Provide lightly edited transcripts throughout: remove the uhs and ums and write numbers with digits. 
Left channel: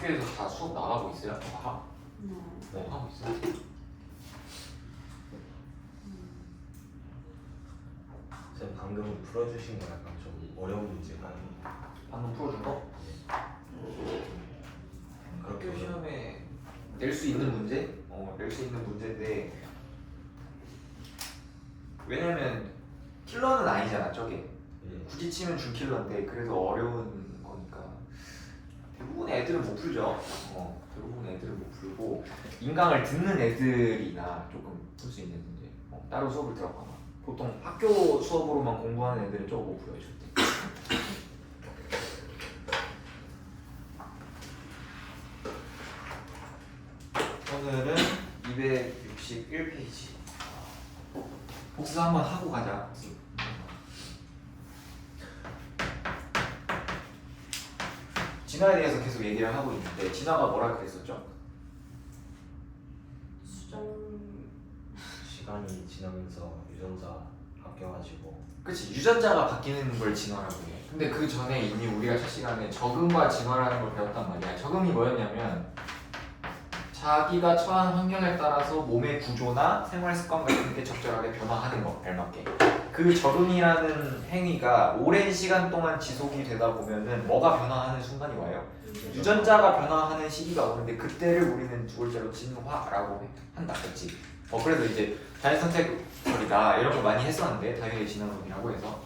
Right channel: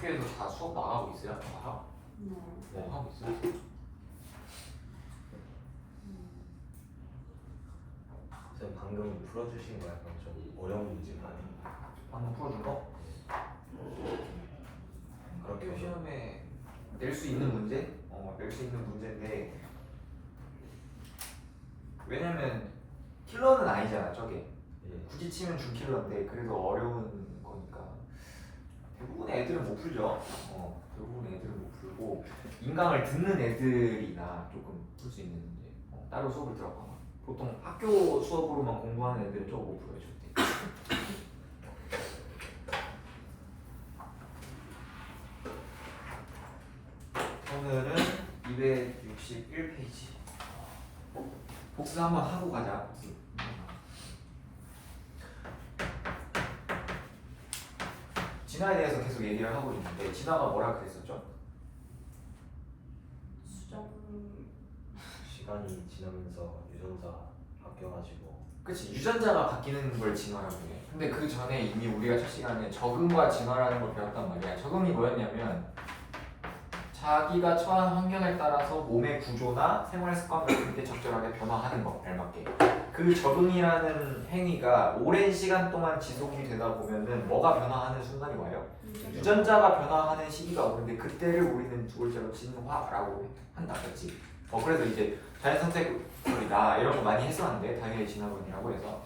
학교에서 다 수업 나가고 있어요? 네, 하고 있어요. 선생님 방금 풀어주신 거 약간 좀 어려운 문제가 방금 풀어준 거? 그렇게 학교 시험에 낼 수 있는 문제? 낼 수 있는 문제인데 왜냐면 킬러는 아니잖아 저게. 굳이 치면 준킬러인데 그래도 어려운 거니까 대부분 애들은 못 풀죠. 대부분 애들은 못 풀고 인강을 듣는 애들이나 조금 풀 수 있는 문제. 따로 수업을 들어가거나 보통 학교 수업으로만 공부하는 애들은 조금 못 풀어요 절대. 오늘은 261페이지 복사 한번 하고 가자. 진화에 대해서 계속 얘기를 하고 있는데 진화가 뭐라 그랬었죠? 시간이 지나면서 유전자 바뀌어가지고 그치, 유전자가 바뀌는 걸 진화라고 해요. 근데 그 전에 이미 우리가 첫 시간에 적응과 진화라는 걸 배웠단 말이야. 적응이 뭐였냐면 자기가 처한 환경에 따라서 몸의 구조나 생활 습관 같은 게 적절하게 변화하는 거, 알맞게. 그 적응이라는 행위가 오랜 시간 동안 지속이 되다 보면은 뭐가 변화하는 순간이 와요? 유전자가 변화하는 시기가 오는데 그때를 우리는 두 글자로 진화라고 한다, 그렇지? 그래서 이제 자연선택설이다 이런 거 많이 했었는데 당연히 진화론이라고 해서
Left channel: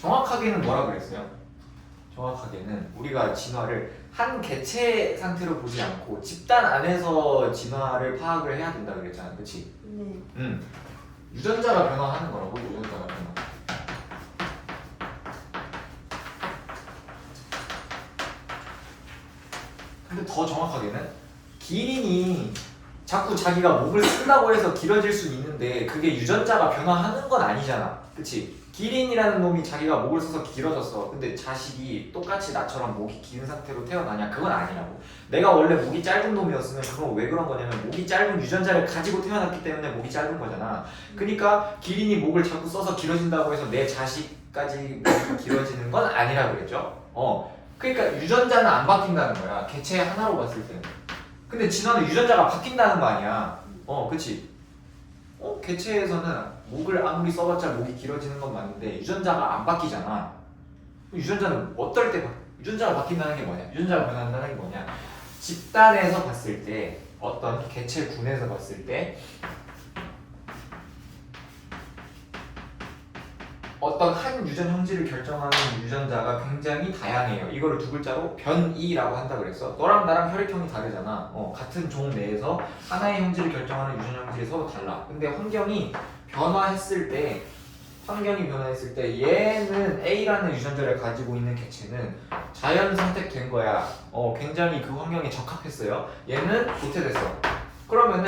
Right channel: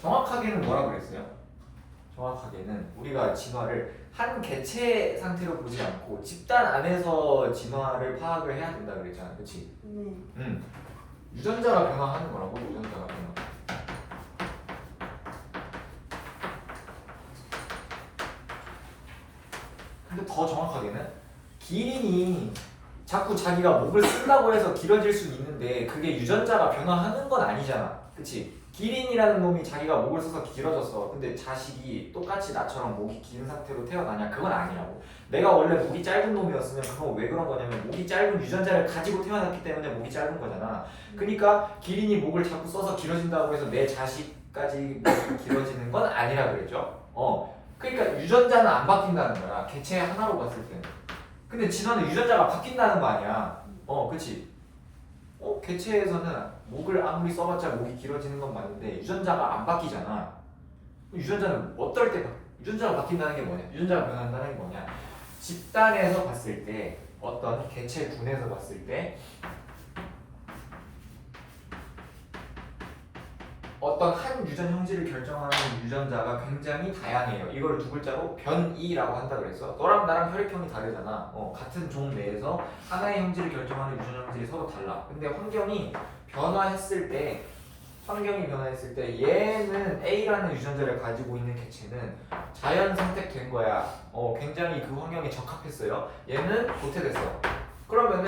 정확하게는 뭐라 그랬어요? 정확하게는 우리가 진화를 한 개체 상태로 보지 않고 집단 안에서 진화를 파악을 해야 된다 그랬잖아, 그렇지? 유전자가 변화하는 거라고. 유전자가 변화. 근데 더 정확하게는 기린이 자꾸 자기가 목을 쓴다고 해서 길어질 수 있는데 그게 유전자가 변화하는 건 아니잖아, 그치? 기린이라는 놈이 자기가 목을 써서 길어졌어. 근데 자식이 똑같이 나처럼 목이 긴 상태로 태어나냐? 그건 아니라고. 내가 원래 목이 짧은 놈이었으면 그건 왜 그런 거냐면 목이 짧은 유전자를 가지고 태어났기 때문에 목이 짧은 거잖아. 그러니까 기린이 목을 자꾸 써서 길어진다고 해서 내 자식까지 목이 길어지는 건 아니라 그랬죠. 그러니까 유전자는 안 바뀐다는 거야, 개체 하나로 봤을 때는. 근데 진화는 유전자가 바뀐다는 거 아니야. 그치? 개체에서는 목을 아무리 써봤자 목이 길어지는 건 맞는데 유전자가 안 바뀌잖아. 유전자는 어떨 때 유전자가 바뀐다는 게 뭐냐? 유전자가 변한다는 게 뭐냐? 집단에서 봤을 때, 어떤 개체군에서 봤을 때 어떤 한 유전 형질을 결정하는 유전자가 굉장히 다양해요. 이걸 두 글자로 변이라고 한다 그랬어. 너랑 나랑 혈액형이 다르잖아. 같은 종 내에서 하나의 형질을 결정하는 유전 형질이 서로 달라. 근데 환경이 변화했을 때 얘는 A라는 유전자를 가지고 있는 개체는 자연 선택된 거야. 굉장히 그 환경에 적합했어요. 얘는 도태됐어. 그러면은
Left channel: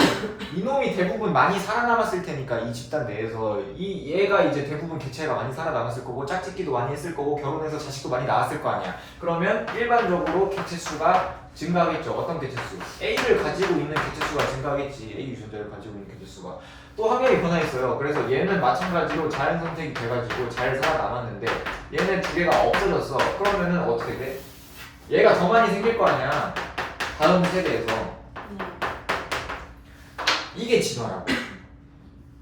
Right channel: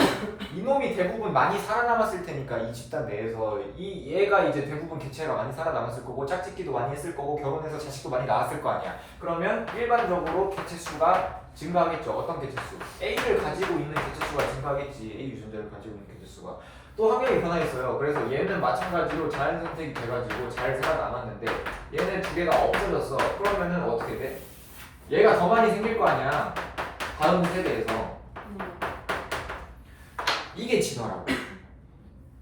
이놈이 대부분 많이 살아남았을 테니까 이 집단 내에서 얘가 이제 대부분 개체가 많이 살아남았을 거고 짝짓기도 많이 했을 거고 결혼해서 자식도 많이 낳았을 거 아니야. 그러면 일반적으로 개체 수가 증가하겠죠. 어떤 개체 수? A를 가지고 있는 개체 수가 증가하겠지. A 유전자를 가지고 있는 개체 수가. 또 환경이 변화했어요. 그래서 얘는 마찬가지로 자연 선택이 돼가지고 잘 살아남았는데 얘는 두 개가 없어졌어. 그러면은 어떻게 돼? 얘가 더 많이 생길 거 아니야. 다음 세대에서. 이게 진화라고.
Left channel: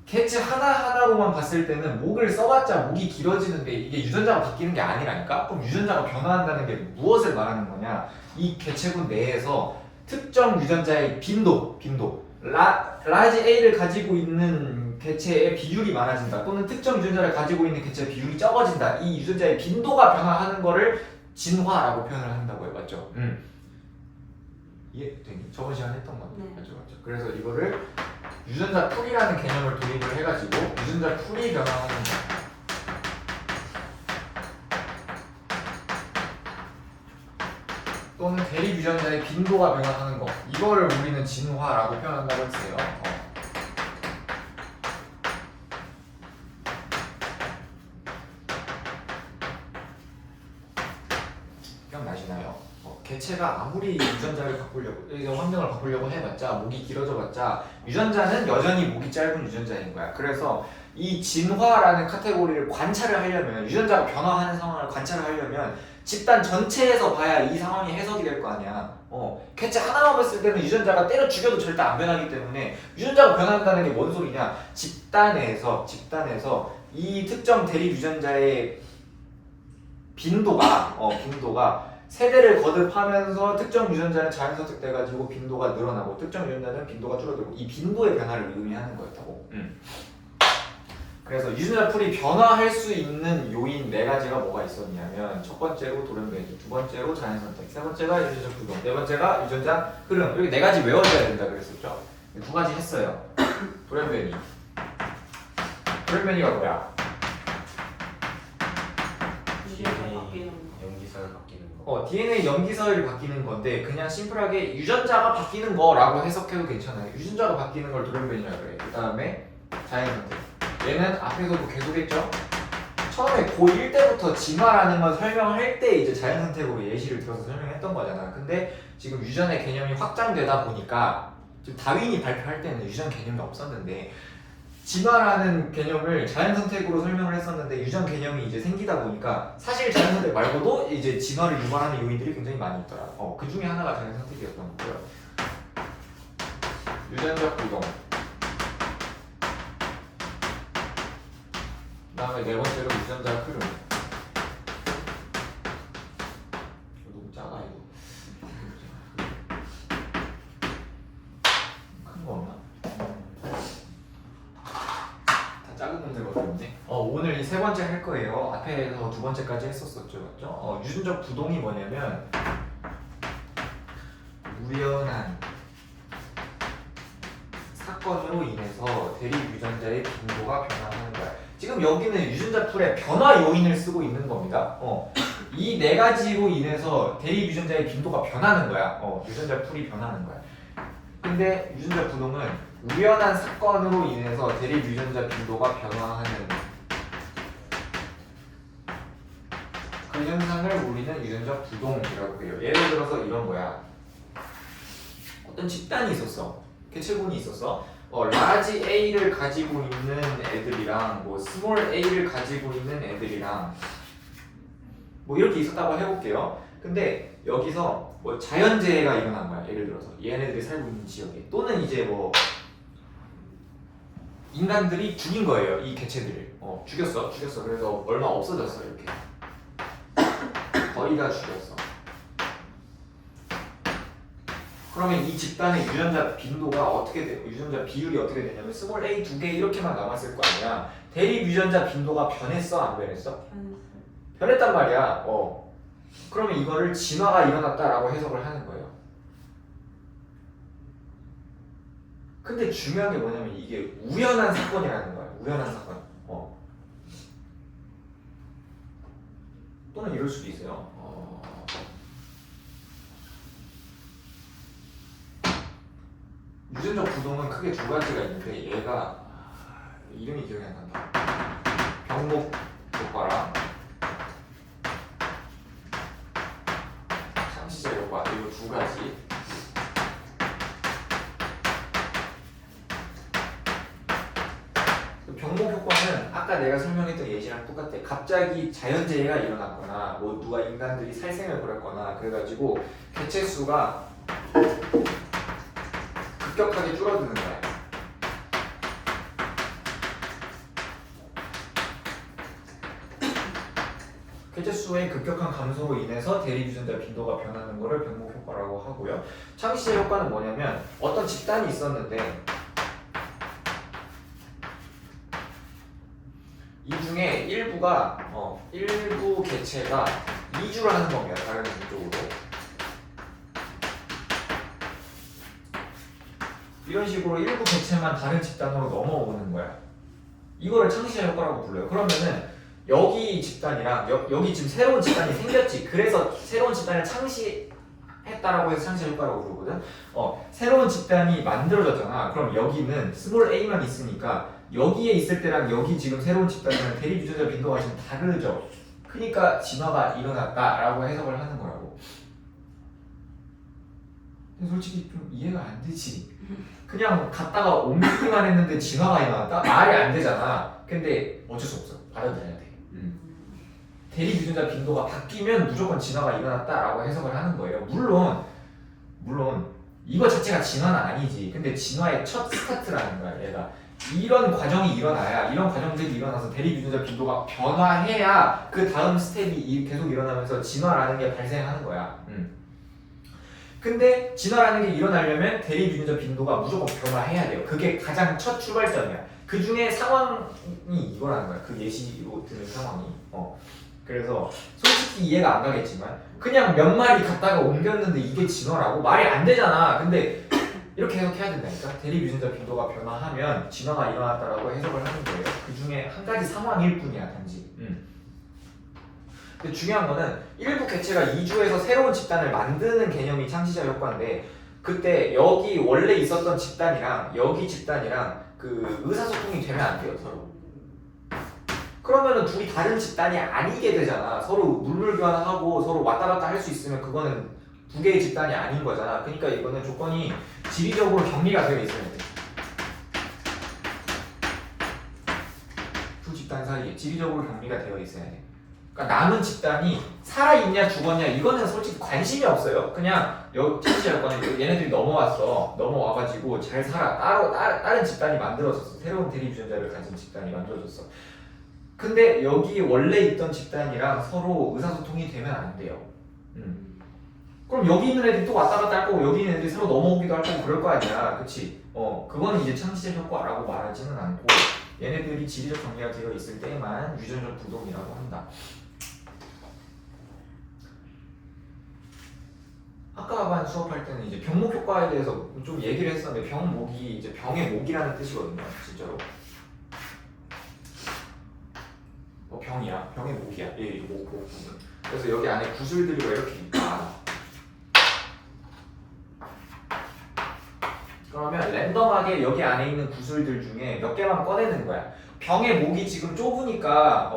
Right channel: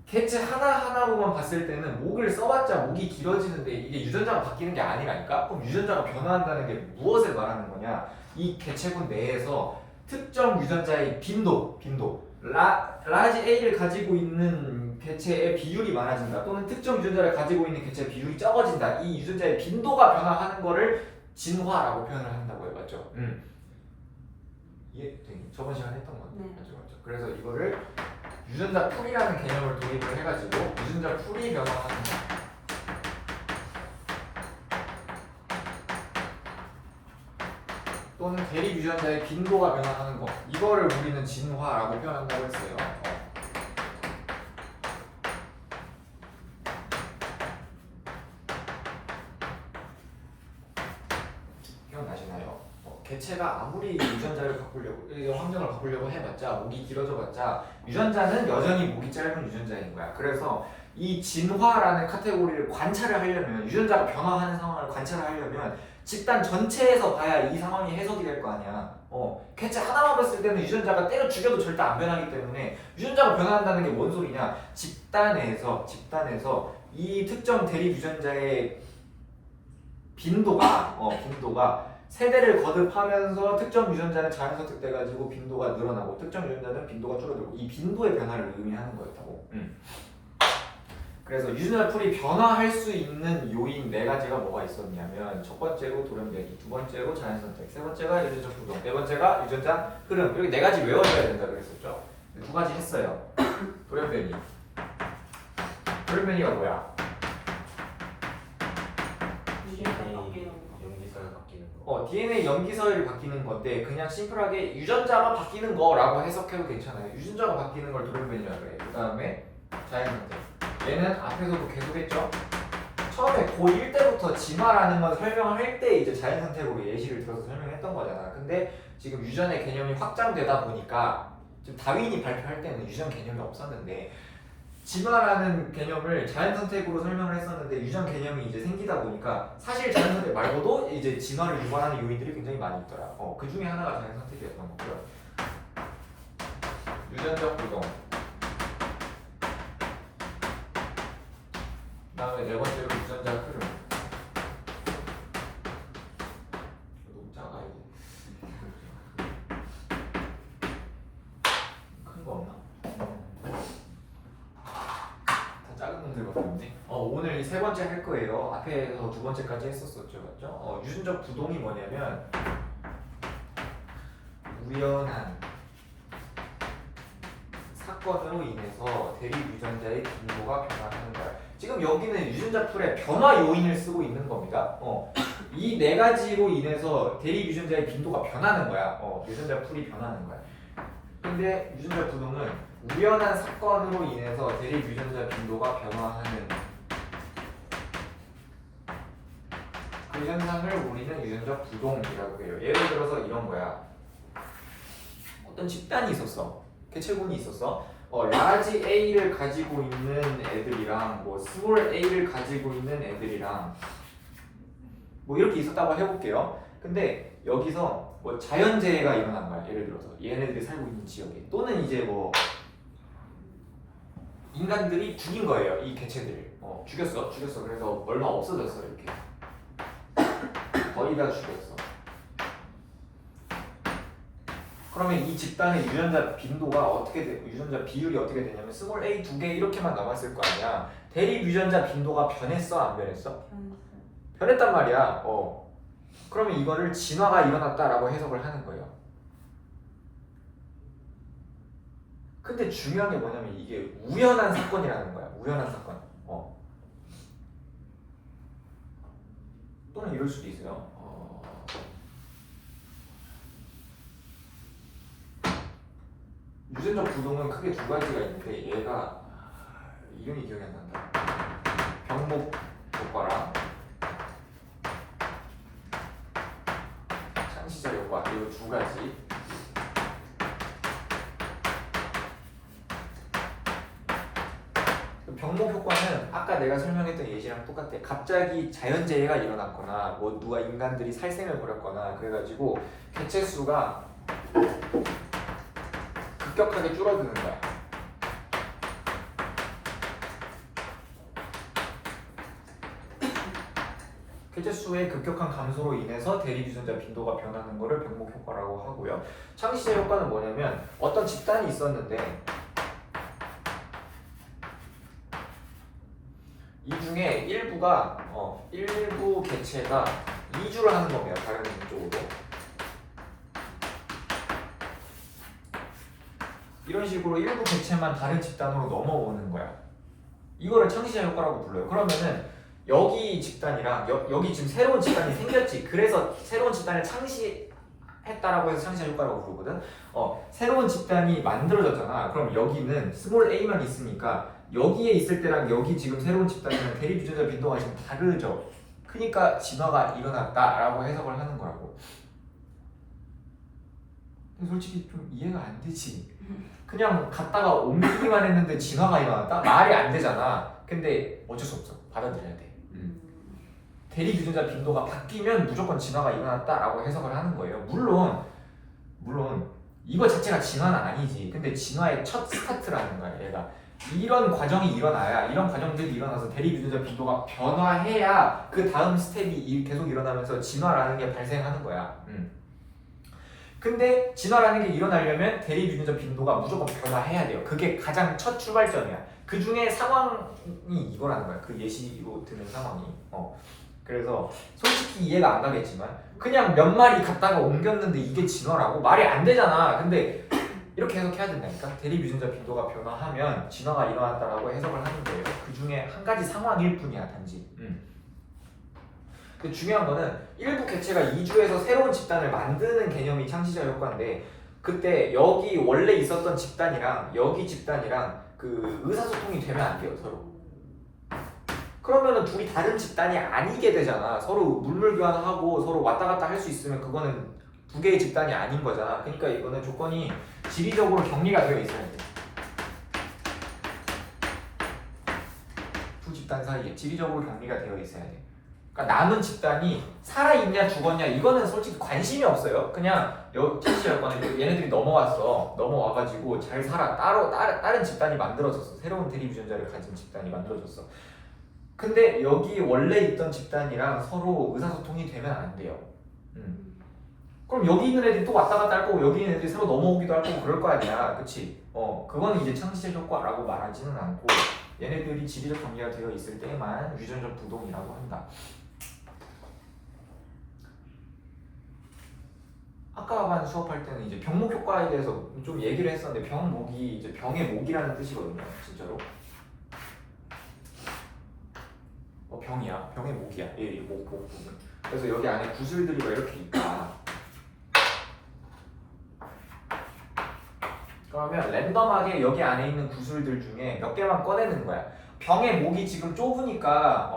개체 하나하나로만 봤을 때는 목을 써봤자 목이 길어지는데 이게 유전자가 바뀌는 게 아니라니까? 그럼 유전자가 변화한다는 게 무엇을 말하는 거냐? 이 개체군 내에서 특정 유전자의 빈도 라지 A를 가지고 있는 개체의 비율이 많아진다. 또는 특정 유전자를 가지고 있는 개체의 비율이 적어진다. 이 유전자의 빈도가 변화하는 거를 진화라고 표현을 한다고요. 맞죠? 이해되니? 저번 시간에 했던 거. 네. 맞죠. 그래서 이거를 유전자 풀이라는 개념을 도입을 해가지고 유전자 풀이 변화하는 거. 또는 대립 유전자의 빈도가 변화하는 거. 이거를 우리는 진화라고 표현한다고 했어요. 기억나시나요? 개체가 아무리 유전자를 바꾸려고, 환경을 바꾸려고 해봤자 목이 길어져봤자 유전자는 여전히 목이 짧은 유전자인 거야. 그래서 이 진화라는 카테고리를 관찰을 하려면 유전자가 변화하는 상황을 관찰을 하려면 집단 전체에서 봐야 이 상황이 해석이 될 거 아니야. 개체 하나만 봤을 때는 유전자가 때려 죽여도 절대 안 변하기 때문에 유전자가 변한다는 게 뭔 소리냐? 집단에서 이 특정 대립 유전자의 빈도가 세대를 거듭하면서 특정 유전자는 자연 선택돼가지고 빈도가 늘어나고 특정 유전자는 빈도가 줄어들고 이 빈도의 변화를 의미하는 거였다고. 그래서 유전자 풀이 변화할 수 있는 요인 4가지가 뭐가 있었냐면 첫 번째로 돌연변이, 두 번째로 자연 선택, 세 번째가 유전자 부동, 네 번째가 유전자 흐름. 이렇게 4가지 외워줘야 된다 그랬었죠. 2가지 했어요. 돌연변이가 뭐야? 염기서열 바뀌는 거. DNA 염기서열이 바뀌는 건데 그냥 심플하게 유전자가 바뀌는 거라고 해석해도 괜찮아요. 유전자가 바뀌는 걸 돌연변이라고 그래. 그 다음에 자연 선택. 얘는 앞에서도 계속 했죠. 처음에 고1 때부터 진화라는 건 설명을 할 때 이제 자연 선택으로 예시를 들어서 설명했던 거잖아. 근데 지금 유전의 개념이 확장되다 보니까 지금 다윈이 발표할 때는 유전 개념이 없었는데 진화라는 개념을 자연 선택으로 설명을 했었는데 유전 개념이 이제 생기다 보니까 사실 자연 선택 말고도 이제 진화를 유발하는 요인들이 굉장히 많이 있더라. 그 중에 하나가 자연 선택이었던 거고요. 유전적 부동. 그다음에 네 번째로 유전자 흐름. 너무 작아 이거. 큰 거 없나? 작은 놈들밖에 없네. 오늘 세 번째 할 거예요. 앞에서 두 번째까지 했었었죠, 맞죠? 유전적 부동이 뭐냐면 우연한 사건으로 인해서 대립 유전자의 빈도가 변화하는 거야. 지금 여기는 유전자 풀에 변화 요인을 쓰고 있는 겁니다. 이 4가지로 인해서 대립 유전자의 빈도가 변하는 거야. 유전자 풀이 변하는 거야. 근데 유전자 부동은 우연한 사건으로 인해서 대립 유전자 빈도가 변화하는 그 현상을 우리는 유전자 부동이라고 해요. 예를 들어서 이런 거야. 어떤 집단이 있었어. 개체군이 있었어. 라지 A를 가지고 있는 애들이랑 뭐 스몰 A를 가지고 있는 애들이랑 뭐 이렇게 있었다고 해볼게요. 근데 여기서 뭐 자연재해가 일어난 거야. 예를 들어서 얘네들이 살고 있는 지역에 또는 이제 뭐 인간들이 죽인 거예요. 이 개체들을 죽였어. 그래서 얼마 없어졌어. 이렇게 거의 다 죽였어. 그러면 이 집단의 유전자 빈도가 어떻게 돼? 유전자 비율이 어떻게 되냐면 스몰 A 2개 이렇게만 남았을 거 아니야. 대립 유전자 빈도가 변했어, 안 변했어? 변했단 말이야. 그러면 이거를 진화가 일어났다라고 해석을 하는 거예요. 근데 중요한 게 뭐냐면 이게 우연한 사건이라는 거야. 우연한 사건. 또는 이럴 수도 있어요. 유전적 부동은 크게 2가지가 있는데 얘가 이름이 기억이 안 난다. 병목 효과랑 상시자 효과 이거 2가지. 병목 효과는 아까 내가 설명했던 예시랑 똑같아. 갑자기 자연재해가 일어났거나 뭐 누가 인간들이 살생을 벌였거나 그래가지고 개체 수가 급격하게 줄어드는 거야. 개체 수의 급격한 감소로 인해서 대립 유전자 빈도가 변하는 것을 병목 효과라고 하고요. 창시자 효과는 뭐냐면 어떤 집단이 있었는데 이 중에 일부가 일부 개체가 이주를 하는 겁니다. 다른 쪽으로. 이런 식으로 일부 개체만 다른 집단으로 넘어오는 거야. 이거를 창시자 효과라고 불러요. 그러면은 여기 집단이랑 여기 지금 새로운 집단이 생겼지. 그래서 새로운 집단을 창시했다라고 해서 창시자 효과라고 부르거든. 새로운 집단이 만들어졌잖아. 그럼 여기는 스몰 a만 있으니까 여기에 있을 때랑 여기 지금 새로운 집단이랑 대립 유전자 빈도가 지금 다르죠. 그러니까 진화가 일어났다라고 해석을 하는 거라고. 근데 솔직히 좀 이해가 안 되지. 그냥 갔다가 옮기기만 했는데 진화가 일어났다? 말이 안 되잖아. 근데 어쩔 수 없어. 받아들여야 돼. 대립 유전자 빈도가 바뀌면 무조건 진화가 일어났다라고 해석을 하는 거예요. 물론 이거 자체가 진화는 아니지. 근데 진화의 첫 스타트라는 거야. 얘가 이런 과정이 일어나야 이런 과정들이 일어나서 대립 유전자 빈도가 변화해야 그 다음 스텝이 계속 일어나면서 진화라는 게 발생하는 거야. 근데 진화라는 게 일어나려면 대립 유전자 빈도가 무조건 변화해야 돼요. 그게 가장 첫 출발점이야. 그 중에 상황이 이거라는 거야. 그 예시로 드는 상황이. 그래서 솔직히 이해가 안 가겠지만 그냥 몇 마리 갖다가 옮겼는데 이게 진화라고 말이 안 되잖아. 근데 이렇게 해석해야 된다니까. 대립 유전자 빈도가 변화하면 진화가 일어났다라고 해석을 하는 거예요. 그 중에 한 가지 상황일 뿐이야, 단지. 근데 중요한 거는 일부 개체가 이주해서 새로운 집단을 만드는 개념이 창시자 효과인데 그때 여기 원래 있었던 집단이랑 여기 집단이랑 그 의사소통이 되면 안 돼요, 서로. 그러면은 둘이 다른 집단이 아니게 되잖아. 서로 물물 교환하고 서로 왔다 갔다 할 수 있으면 그거는 두 개의 집단이 아닌 거잖아. 그러니까 이거는 조건이 지리적으로 격리가 되어 있어야 돼. 두 집단 사이에 지리적으로 격리가 되어 있어야 돼. 그러니까 남은 집단이 살아있냐 죽었냐 이거는 솔직히 관심이 없어요. 그냥 창시자 효과는 얘네들이 넘어와가지고 잘 살아. 다른 집단이 만들어졌어. 새로운 대립 유전자를 가진 집단이 만들어졌어. 근데 여기 원래 있던 집단이랑 서로 의사소통이 되면 안 돼요. 그럼 여기 있는 애들이 또 왔다 갔다 할 거고 여기 있는 애들이 새로 넘어오기도 할 거고 그럴 거 아니야. 그치? 그건 이제 창시자 효과라고 말하지는 않고 얘네들이 지리적 격리가 되어 있을 때만 유전적 부동이라고 한다. 아까 반 수업할 때는 이제 병목 효과에 대해서 좀 얘기를 했었는데 병목이 이제 병의 목이라는 뜻이거든요. 진짜로. 병이야. 병의 목이야. 목 부분. 그래서 여기 안에 구슬들이 왜 이렇게 있다. 그러면 랜덤하게 여기 안에 있는 구슬들 중에 몇 개만 꺼내는 거야. 병의 목이 지금 좁으니까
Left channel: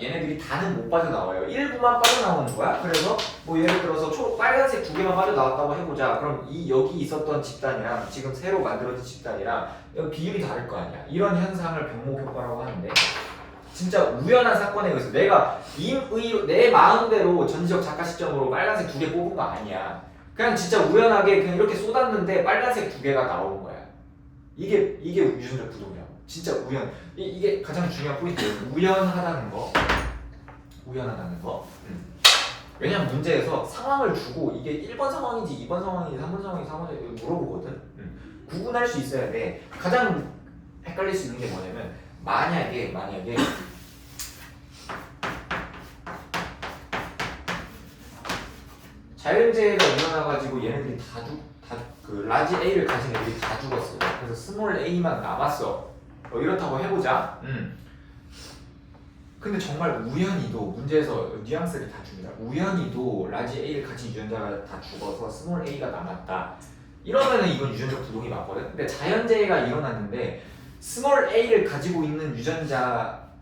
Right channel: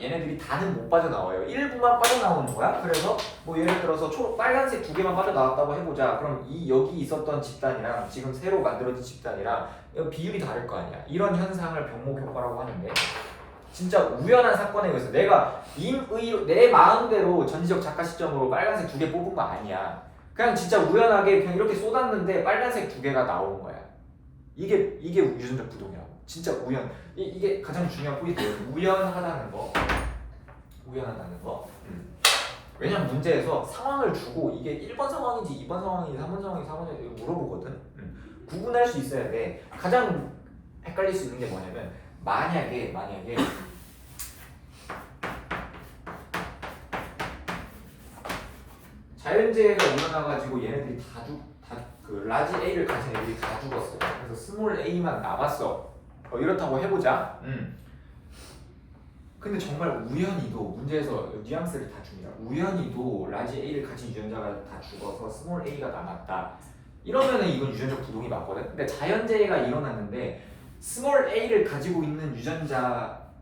얘네들이 다는 못 빠져나와요. 일부만 빠져나오는 거야. 그래서 뭐 예를 들어서 빨간색 2개만 빠져나왔다고 해보자. 그럼 여기 있었던 집단이랑 지금 새로 만들어진 집단이랑 비율이 다를 거 아니야. 이런 현상을 병목 효과라고 하는데 진짜 우연한 사건에 의해서 내가 내 마음대로 전지적 작가 시점으로 빨간색 2개 뽑은 거 아니야. 그냥 진짜 우연하게 그냥 이렇게 쏟았는데 빨간색 2개가 나오는 거야. 이게 유전적 부동이라고. 진짜 우연. 이게 가장 중요한 포인트예요. 우연하다는 거. 왜냐면 문제에서 상황을 주고 이게 1번 상황인지 2번 상황인지 3번 상황인지 4번 상황인지 물어보거든. 구분할 수 있어야 돼. 가장 헷갈릴 수 있는 게 뭐냐면 만약에 자연재해가 일어나가지고 얘네들이 그 라지 A를 가진 애들이 다 죽었어요. 그래서 스몰 A만 남았어. 이렇다고 해보자. 근데 정말 우연히도 문제에서 뉘앙스를 다 줍니다. 우연히도 라지 A를 가진 유전자가 다 죽어서 스몰 A가 남았다. 이러면은 이건 유전적 부동이 맞거든. 근데 자연재해가 일어났는데 스몰 A를 가지고 있는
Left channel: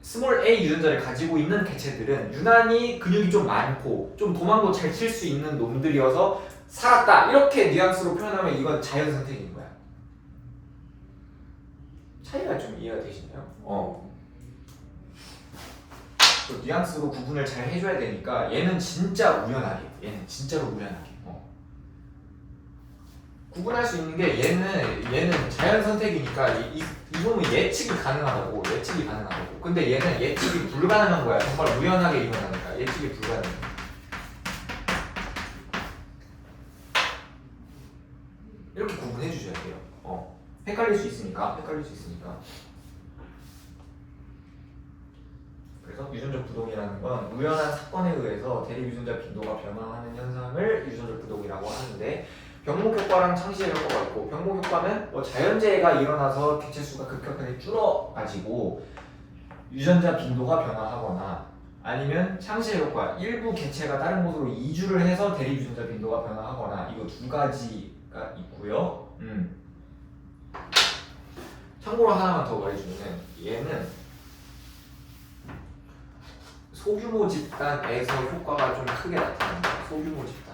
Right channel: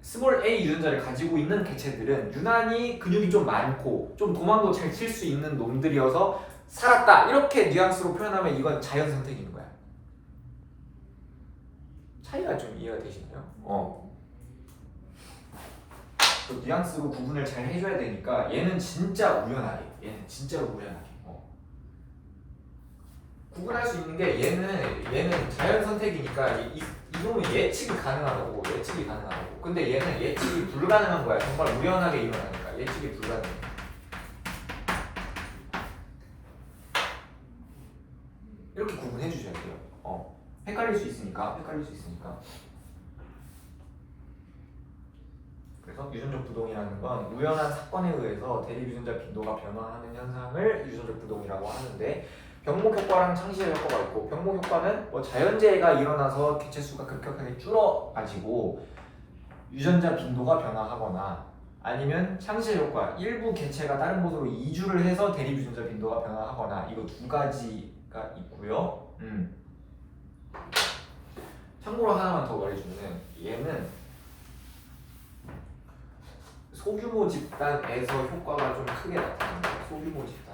스몰 A 유전자를 가지고 있는 개체들은 유난히 근육이 좀 많고 좀 도망도 잘 칠 수 있는 놈들이어서 살았다. 이렇게 뉘앙스로 표현하면 이건 자연 선택인 거야. 차이가 좀 이해가 되시나요? 그 뉘앙스로 구분을 잘 해줘야 되니까 얘는 진짜 우연하게. 얘는 진짜로 우연하게. 구분할 수 있는 게 얘는 자연 선택이니까 이놈은 예측이 가능하다고. 근데 얘는 예측이 불가능한 거야. 정말 우연하게 일어나는 거야. 예측이 불가능해. 이렇게 구분해 주셔야 돼요. 헷갈릴 수 있으니까. 그래서 유전적 부동이라는 건 우연한 사건에 의해서 대립 유전자 빈도가 변화하는 현상을 유전적 부동이라고 하는데 병목 효과랑 창시자 효과가 있고 병목 효과는 자연재해가 일어나서 개체 수가 급격하게 줄어가지고 유전자 빈도가 변화하거나 아니면 창시자 효과 일부 개체가 다른 곳으로 이주를 해서 대립 유전자 빈도가 변화하거나 이거 두 가지가 있고요. 참고로 하나만 더 말해주면 얘는 소규모 집단에서 효과가 좀 크게 나타납니다. 소규모 집단.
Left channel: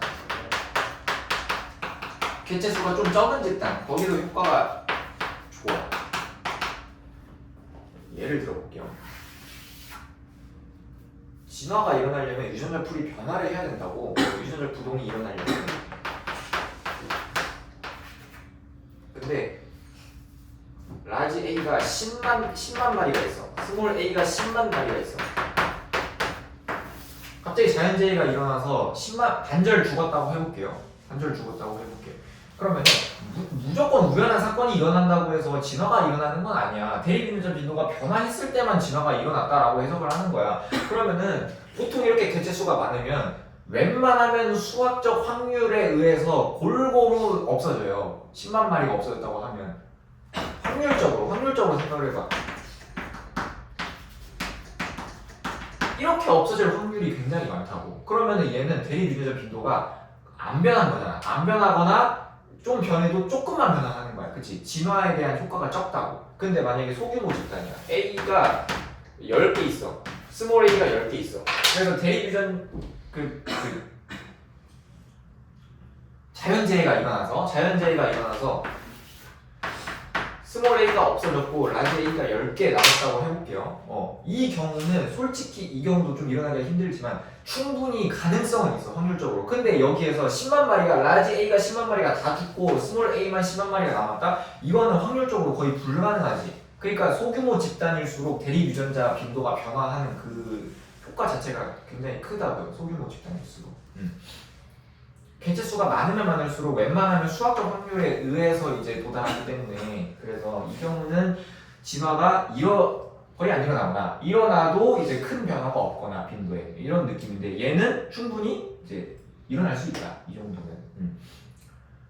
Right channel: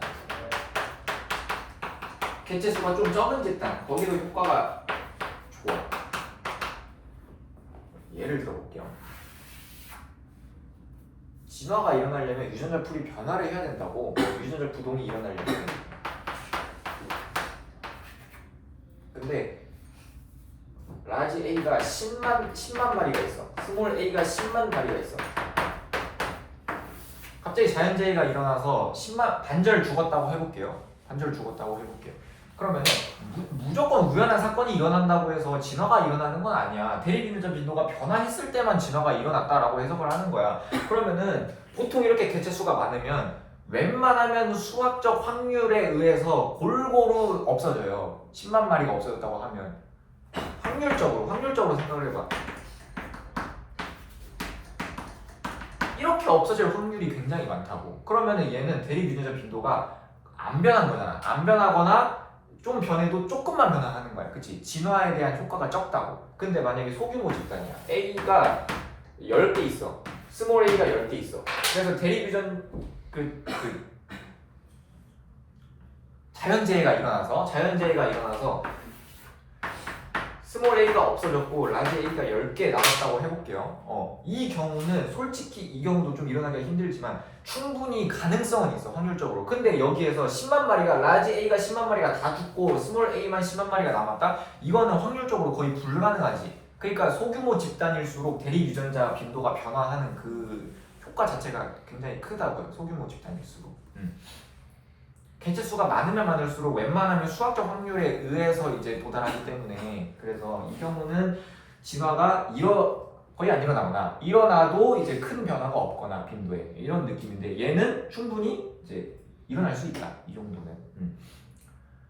개체 수가 좀 적은 집단, 거기도 효과가 좋아. 예를 들어볼게요. 진화가 일어나려면 유전자 풀이 변화를 해야 된다고. 유전자 부동이 일어나려면. 근데 라지 A가 10만 마리가 있어. 스몰 A가 10만 마리가 있어. 갑자기 자연재해가 일어나서 10만 반절 죽었다고 해볼게요. 반절 죽었다고 해볼게요. 그러면 무조건 우연한 사건이 일어난다고 해서 진화가 일어나는 건 아니야. 대립유전자 빈도가 변화했을 때만 진화가 일어났다라고 해석을 하는 거야. 그러면은 보통 이렇게 개체수가 많으면 웬만하면 수학적 확률에 의해서 골고루 없어져요. 10만 마리가 없어졌다고 하면 확률적으로 생각을 해봐. 이렇게 없어질 확률이 굉장히 많다고. 그러면은 얘는 대립유전자 빈도가 안 변한 거잖아. 안 변하거나 좀 변해도 조금만 변화하는 거야. 그치? 진화에 대한 효과가 적다고. 근데 만약에 소규모 집단이야. A가 10개 있어. 스몰 A가 10개 있어. 그래서 대립유전 자연재해가 일어나서 스몰 A가 없어졌고 라지 A가 10개 남았다고 해볼게요. 이 경우는 솔직히 이 경우도 좀 일어나기가 힘들지만 충분히 가능성은 있어, 확률적으로. 근데 여기에서 10만 마리가 라지 A가 10만 마리가 다 죽고 스몰 A만 10만 마리가 남았다? 이거는 확률적으로 거의 불가능하지. 그러니까 소규모 집단일수록 대립 유전자 빈도가 변화하는 그 효과 자체가 굉장히 크다고요. 소규모 집단일수록. 개체수가 많으면 많을수록 웬만하면 수학적 확률에 의해서 이제 도달하기 때문에, 그래서 이 경우는 진화가 거의 안 일어나거나 일어나도 이제 큰 변화가 없거나 빈도에 이런 느낌인데, 얘는 충분히 이제 일어날 수 있다, 이 정도면.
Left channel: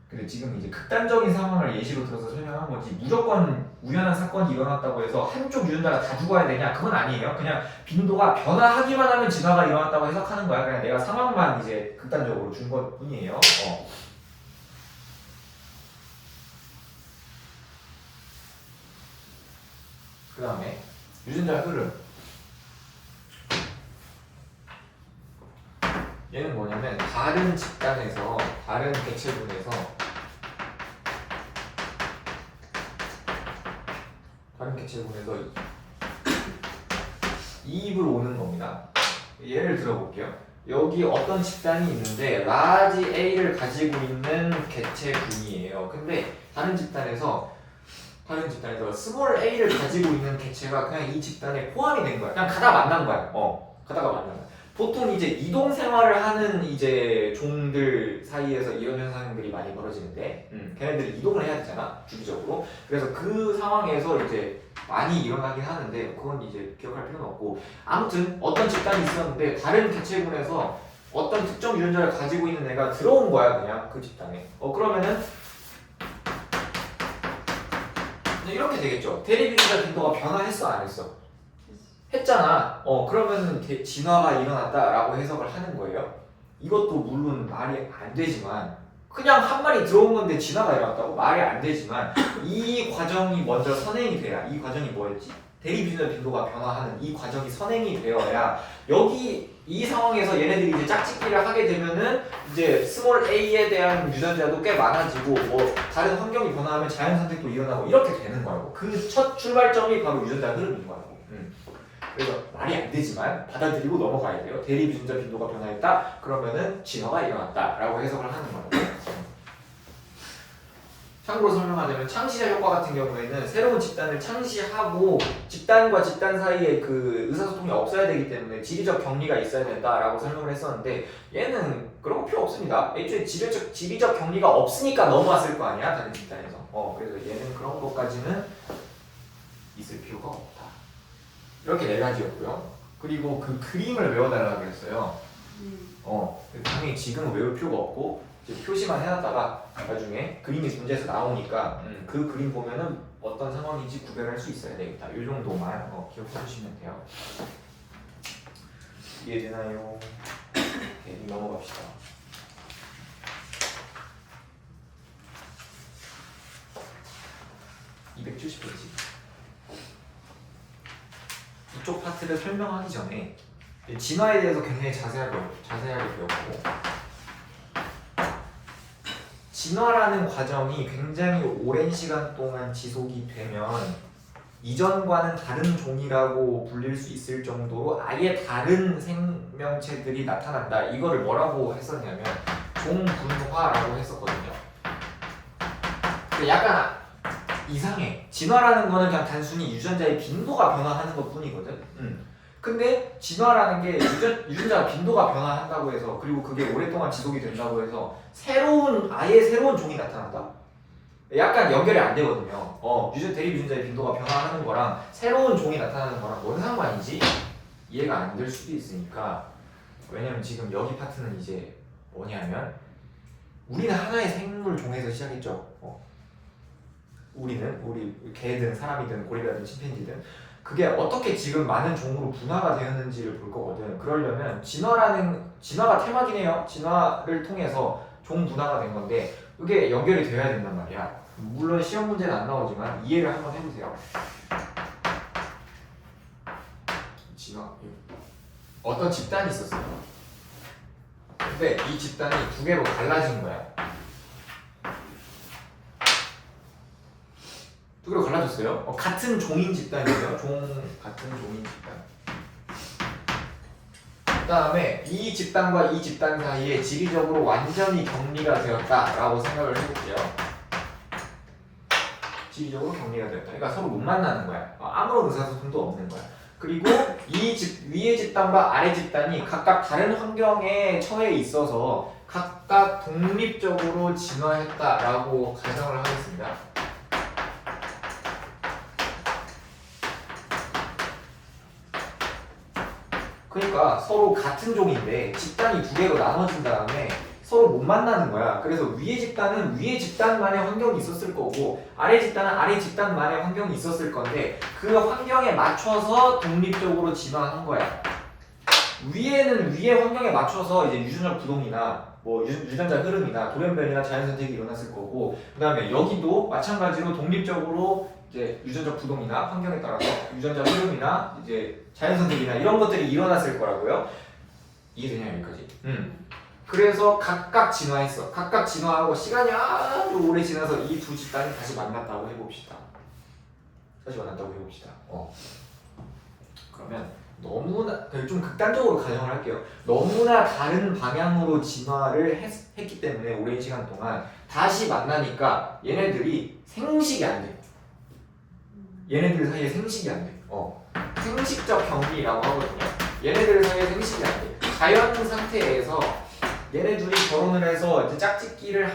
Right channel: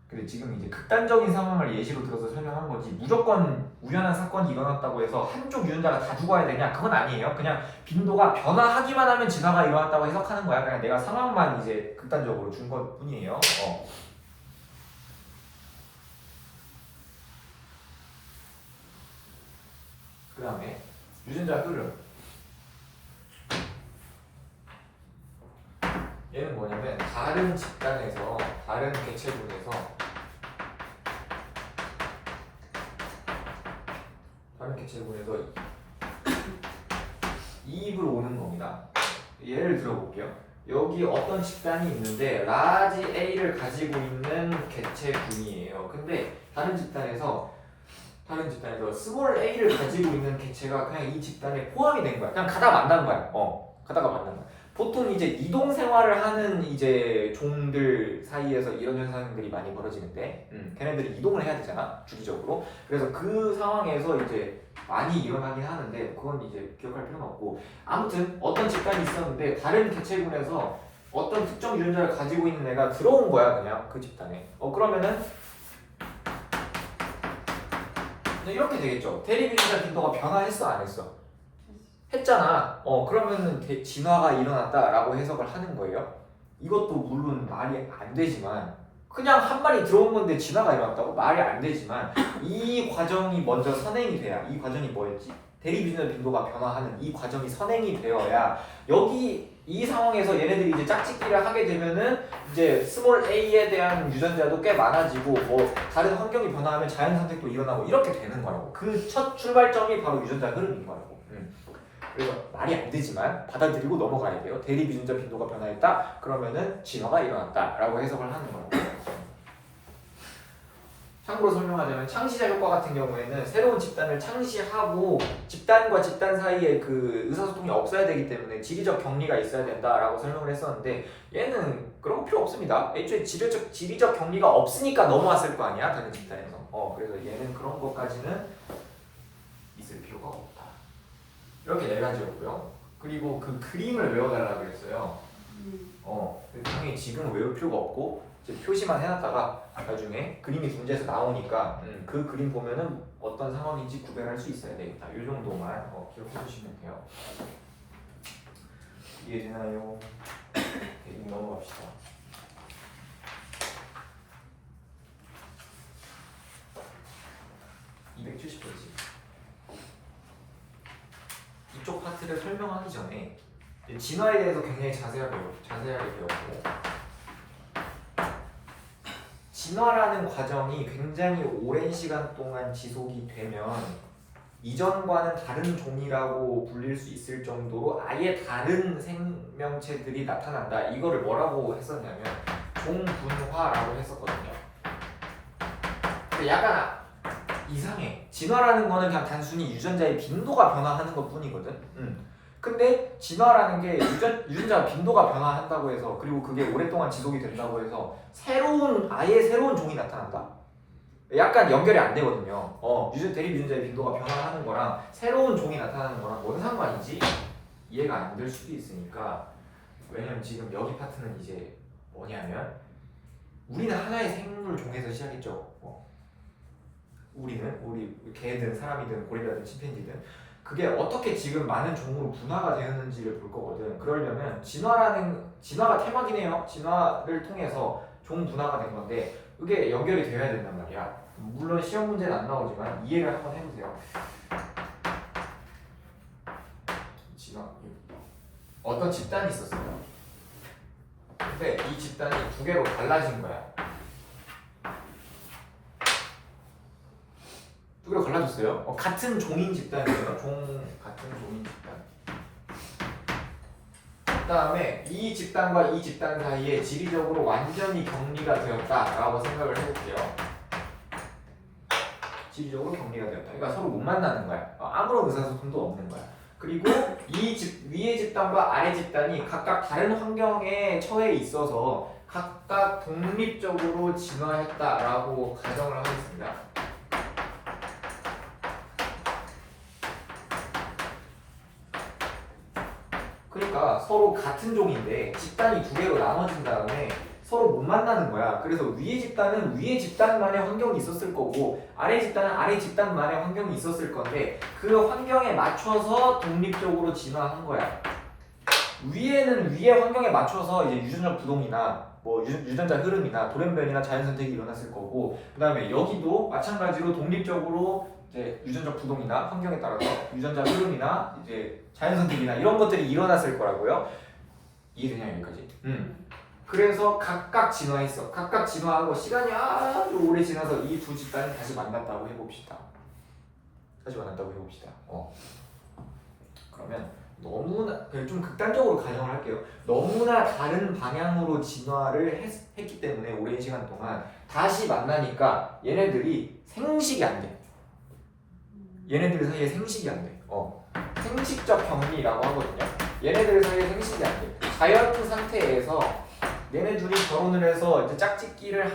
근데 지금 이제 극단적인 상황을 예시로 들어서 설명한 거지, 무조건 우연한 사건이 일어났다고 해서 한쪽 유전자가 다 죽어야 되냐, 그건 아니에요. 그냥 빈도가 변화하기만 하면 진화가 일어났다고 해석하는 거야. 그냥 내가 상황만 이제 극단적으로 준 것 뿐이에요. 그 다음에 유전자 흐름. 얘는 뭐냐면 다른 집단에서, 다른 개체군에서 이입을 오는 겁니다. 예를 들어볼게요. 여기 어떤 집단이 있는데 라지 A를 가지고 있는 개체군이에요. 근데 다른 집단에서 스몰 A를 가지고 있는 개체가 그냥 이 집단에 포함이 된 거야. 그냥 가다 만난 거야. 가다가 만난 거야. 보통 이제 이동 생활을 하는 이제 종들 사이에서 이런 현상들이 많이 벌어지는데, 걔네들이 이동을 해야 되잖아, 주기적으로. 그래서 그 상황에서 이제 많이 일어나긴 하는데, 그건 이제 기억할 필요는 없고, 아무튼 어떤 집단이 있었는데 다른 개체군에서 어떤 특정 유전자를 가지고 있는 애가 들어온 거야, 그냥 그 집단에. 그러면은 이렇게 되겠죠. 대립 유전자 빈도가 변화했어, 안 했어? 했잖아. 그러면은 진화가 일어났다라고 해석을 하는 거예요. 이것도 물론 말이 안 되지만, 그냥 한 마리 들어온 건데 진화가 일어났다고? 말이 안 되지만, 이 과정이 먼저 선행이 돼야, 이 과정이 뭐였지? 대립유전자 빈도가 변화하는 이 과정이 선행이 되어야, 여기 이 상황에서 얘네들이 이제 짝짓기를 하게 되면은 이제 스몰 A에 대한 유전자도 꽤 많아지고, 뭐 다른 환경이 변화하면 자연 선택도 일어나고 이렇게 되는 거라고. 그 첫 출발점이 바로 유전자 흐름인 거라고. 그래서 말이 안 되지만 받아들이고 넘어가야 돼요. 대립 유전자 빈도가 변화했다? 그러면은 진화가 일어났다라고 해석을 하는 거라고. 참고로 설명하자면 창시자 효과 같은 경우에는 새로운 집단을 창시하고 집단과 집단 사이에 그 의사소통이 없어야 되기 때문에 지리적 격리가 있어야 된다라고 설명을 했었는데, 얘는 그런 거 필요 없습니다. 애초에 지리적 격리가 없으니까 넘어왔을 거 아니야, 다른 집단에서. 그래서 얘는 그런 것까지는 있을 필요가 없다. 이렇게 4가지였고요. 그리고 그 그림을 외워달라고 그랬어요. 당연히 지금은 외울 필요가 없고 이제 표시만 해놨다가 나중에 그림이 문제에서 나오니까 그 그림 보면은 어떤 상황인지 구별할 수 있어야 되겠다. 이 정도만 기억해 주시면 돼요. 이해되나요? 오케이, 넘어갑시다. (270페이지) 이쪽 파트를 설명하기 전에 진화에 대해서 굉장히 자세하게 배웠고, 진화라는 과정이 굉장히 오랜 시간 동안 지속이 되면 이전과는 다른 종이라고 불릴 수 있을 정도로 아예 다른 생명체들이 나타난다. 이거를 뭐라고 했었냐면 종분화라고 했었거든요. 근데 약간 이상해. 진화라는 거는 그냥 단순히 유전자의 빈도가 변화하는 것 뿐이거든. 근데 진화라는 게 유전자 빈도가 변화한다고 해서 그리고 그게 오랫동안 지속이 된다고 해서 아예 새로운 종이 나타난다? 약간 연결이 안 되거든요. 대립 유전자의 빈도가 변화하는 거랑 새로운 종이 나타나는 거랑 뭔 상관이지? 이해가 안 될 수도 있으니까. 왜냐면 지금 여기 파트는 이제 뭐냐면 우리는 하나의 생물 종에서 시작했죠. 우리 개든 사람이든 고릴라든 침팬지든 그게 어떻게 지금 많은 종으로 분화가 되었는지를 볼 거거든. 그러려면 진화가 테마긴 해요. 진화를 통해서 종 분화가 된 건데 그게 연결이 되어야 된단 말이야. 물론 시험 문제는 안 나오지만 이해를 한번 해보세요. 진화 어떤 집단이 있었어요. 근데 이 집단이 두 개로 갈라진 거야. 두 개로 갈라졌어요. 같은 종인 집단이에요. 같은 종인 집단. 그 다음에 이 집단과 이 집단 사이에 지리적으로 완전히 격리가 되었다라고 생각을 해볼게요. 지리적으로 격리가 되었다. 그러니까 서로 못 만나는 거야. 아무런 의사소통도 없는 거야. 그리고 위의 집단과 아래 집단이 각각 다른 환경에 처해 있어서 각각 독립적으로 진화했다라고 가정을 하겠습니다. 그러니까 서로 같은 종인데 집단이 두 개로 나눠진 다음에 서로 못 만나는 거야. 그래서 위의 집단은 위의 집단만의 환경이 있었을 거고 아래 집단은 아래 집단만의 환경이 있었을 건데 그 환경에 맞춰서 독립적으로 진화한 거야. 위에는 위의 환경에 맞춰서 이제 유전자 부동이나 뭐 유전자 흐름이나 돌연변이나 자연선택이 일어났을 거고 그 다음에 여기도 마찬가지로 독립적으로 이제 유전자 부동이나 환경에 따라서 유전자 흐름이나 이제 자연선택이나 이런 것들이 일어났을 거라고요. 이해되냐 여기까지? 그래서 각각 진화했어. 각각 진화하고 시간이 아주 오래 지나서 이 두 집단이 다시 만났다고 해봅시다. 그러면 너무나 좀 극단적으로 가정을 할게요. 너무나 다른 방향으로 진화를 했기 때문에 오랜 시간 동안 다시 만나니까 얘네들이 생식이 안 돼. 얘네들 사이에 생식이 안 돼. 생식적 격리라고 하거든요. 얘네들 사이에 생식이 안 돼. 자연 상태에서 얘네 둘이 결혼을 해서 이제 짝짓기를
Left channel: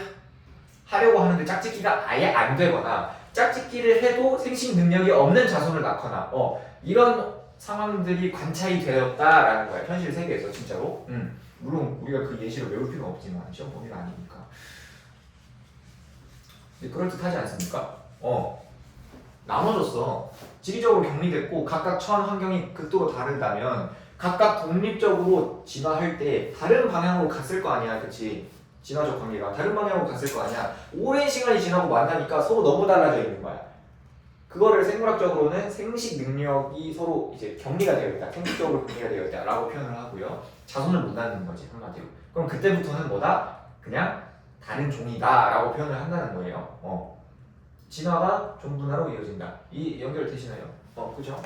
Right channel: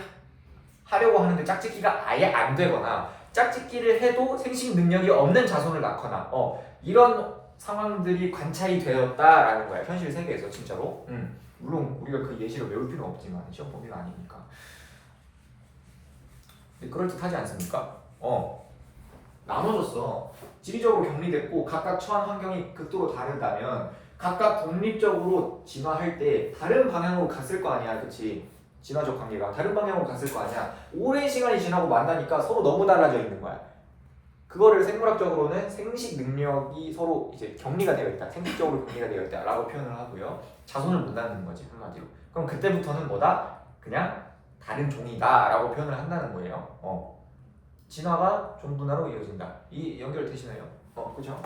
하려고 하는데 짝짓기가 아예 안 되거나 짝짓기를 해도 생식 능력이 없는 자손을 낳거나 이런 상황들이 관찰이 되었다라는 거야. 현실 세계에서 진짜로. 물론 우리가 그 예시를 외울 필요는 없지만 시험 범위가 아니니까. 그럴듯하지 않습니까? 나눠졌어. 지리적으로 격리됐고 각각 처한 환경이 극도로 다르다면 각각 독립적으로 진화할 때 다른 방향으로 갔을 거 아니야, 그치? 진화적 관계가 다른 방향으로 갔을 거 아니야. 오랜 시간이 지나고 만나니까 서로 너무 달라져 있는 거야. 그거를 생물학적으로는 생식 능력이 서로 이제 격리가 되어 있다, 생식적으로 격리가 되어 있다라고 표현을 하고요. 자손을 못 낳는 거지 한마디로. 그럼 그때부터는 뭐다? 그냥 다른 종이다라고 표현을 한다는 거예요. 진화가 종분화로 이어진다. 이 연결되시나요? 그죠?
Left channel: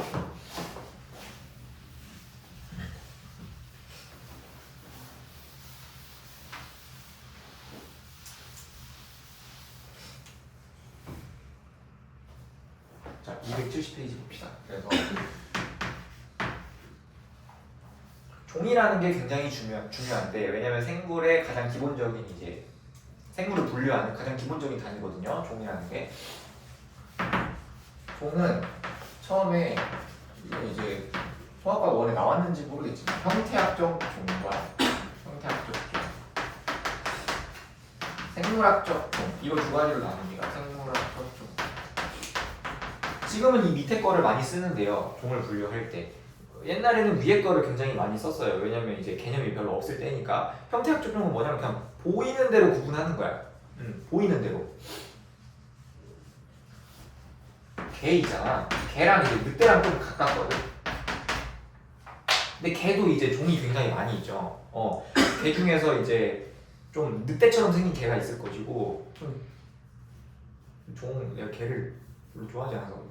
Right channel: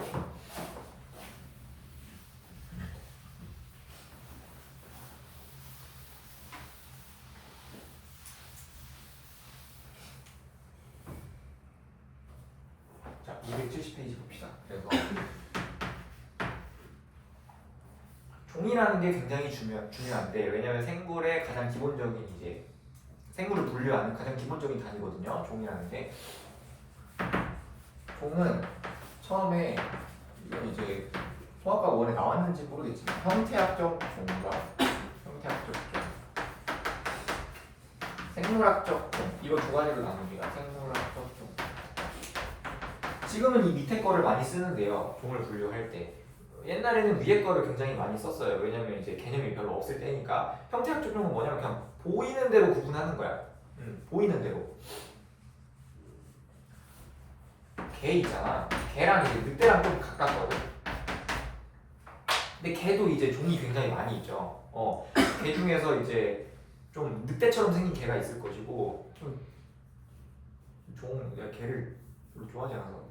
자, 270페이지 봅시다. 그래서 종이라는 게 굉장히 중요한데 왜냐면 생물의 가장 기본적인 이제 생물을 분류하는 가장 기본적인 단위거든요. 종이라는 게. 종은 처음에 이건 이제 소아과 원에 나왔는지 모르겠지만 형태학적 종과 형태학적 종, 생물학적 종 이거 두 가지로 나눕니다. 생물학적 종. 지금은 이 밑에 거를 많이 쓰는데요. 종을 분류할 때. 옛날에는 위에 거를 굉장히 많이 썼어요. 왜냐면 이제 개념이 별로 없을 때니까. 형태학적 종은 뭐냐면 그냥 보이는 대로 구분하는 거야. 보이는 대로. 개 있잖아. 개랑 이제 늑대랑 좀 가깝거든. 근데 개도 이제 종이 굉장히 많이 있죠. 개 중에서 이제 좀 늑대처럼 생긴 개가 있을 것이고 좀 개를 별로 좋아하지 않아서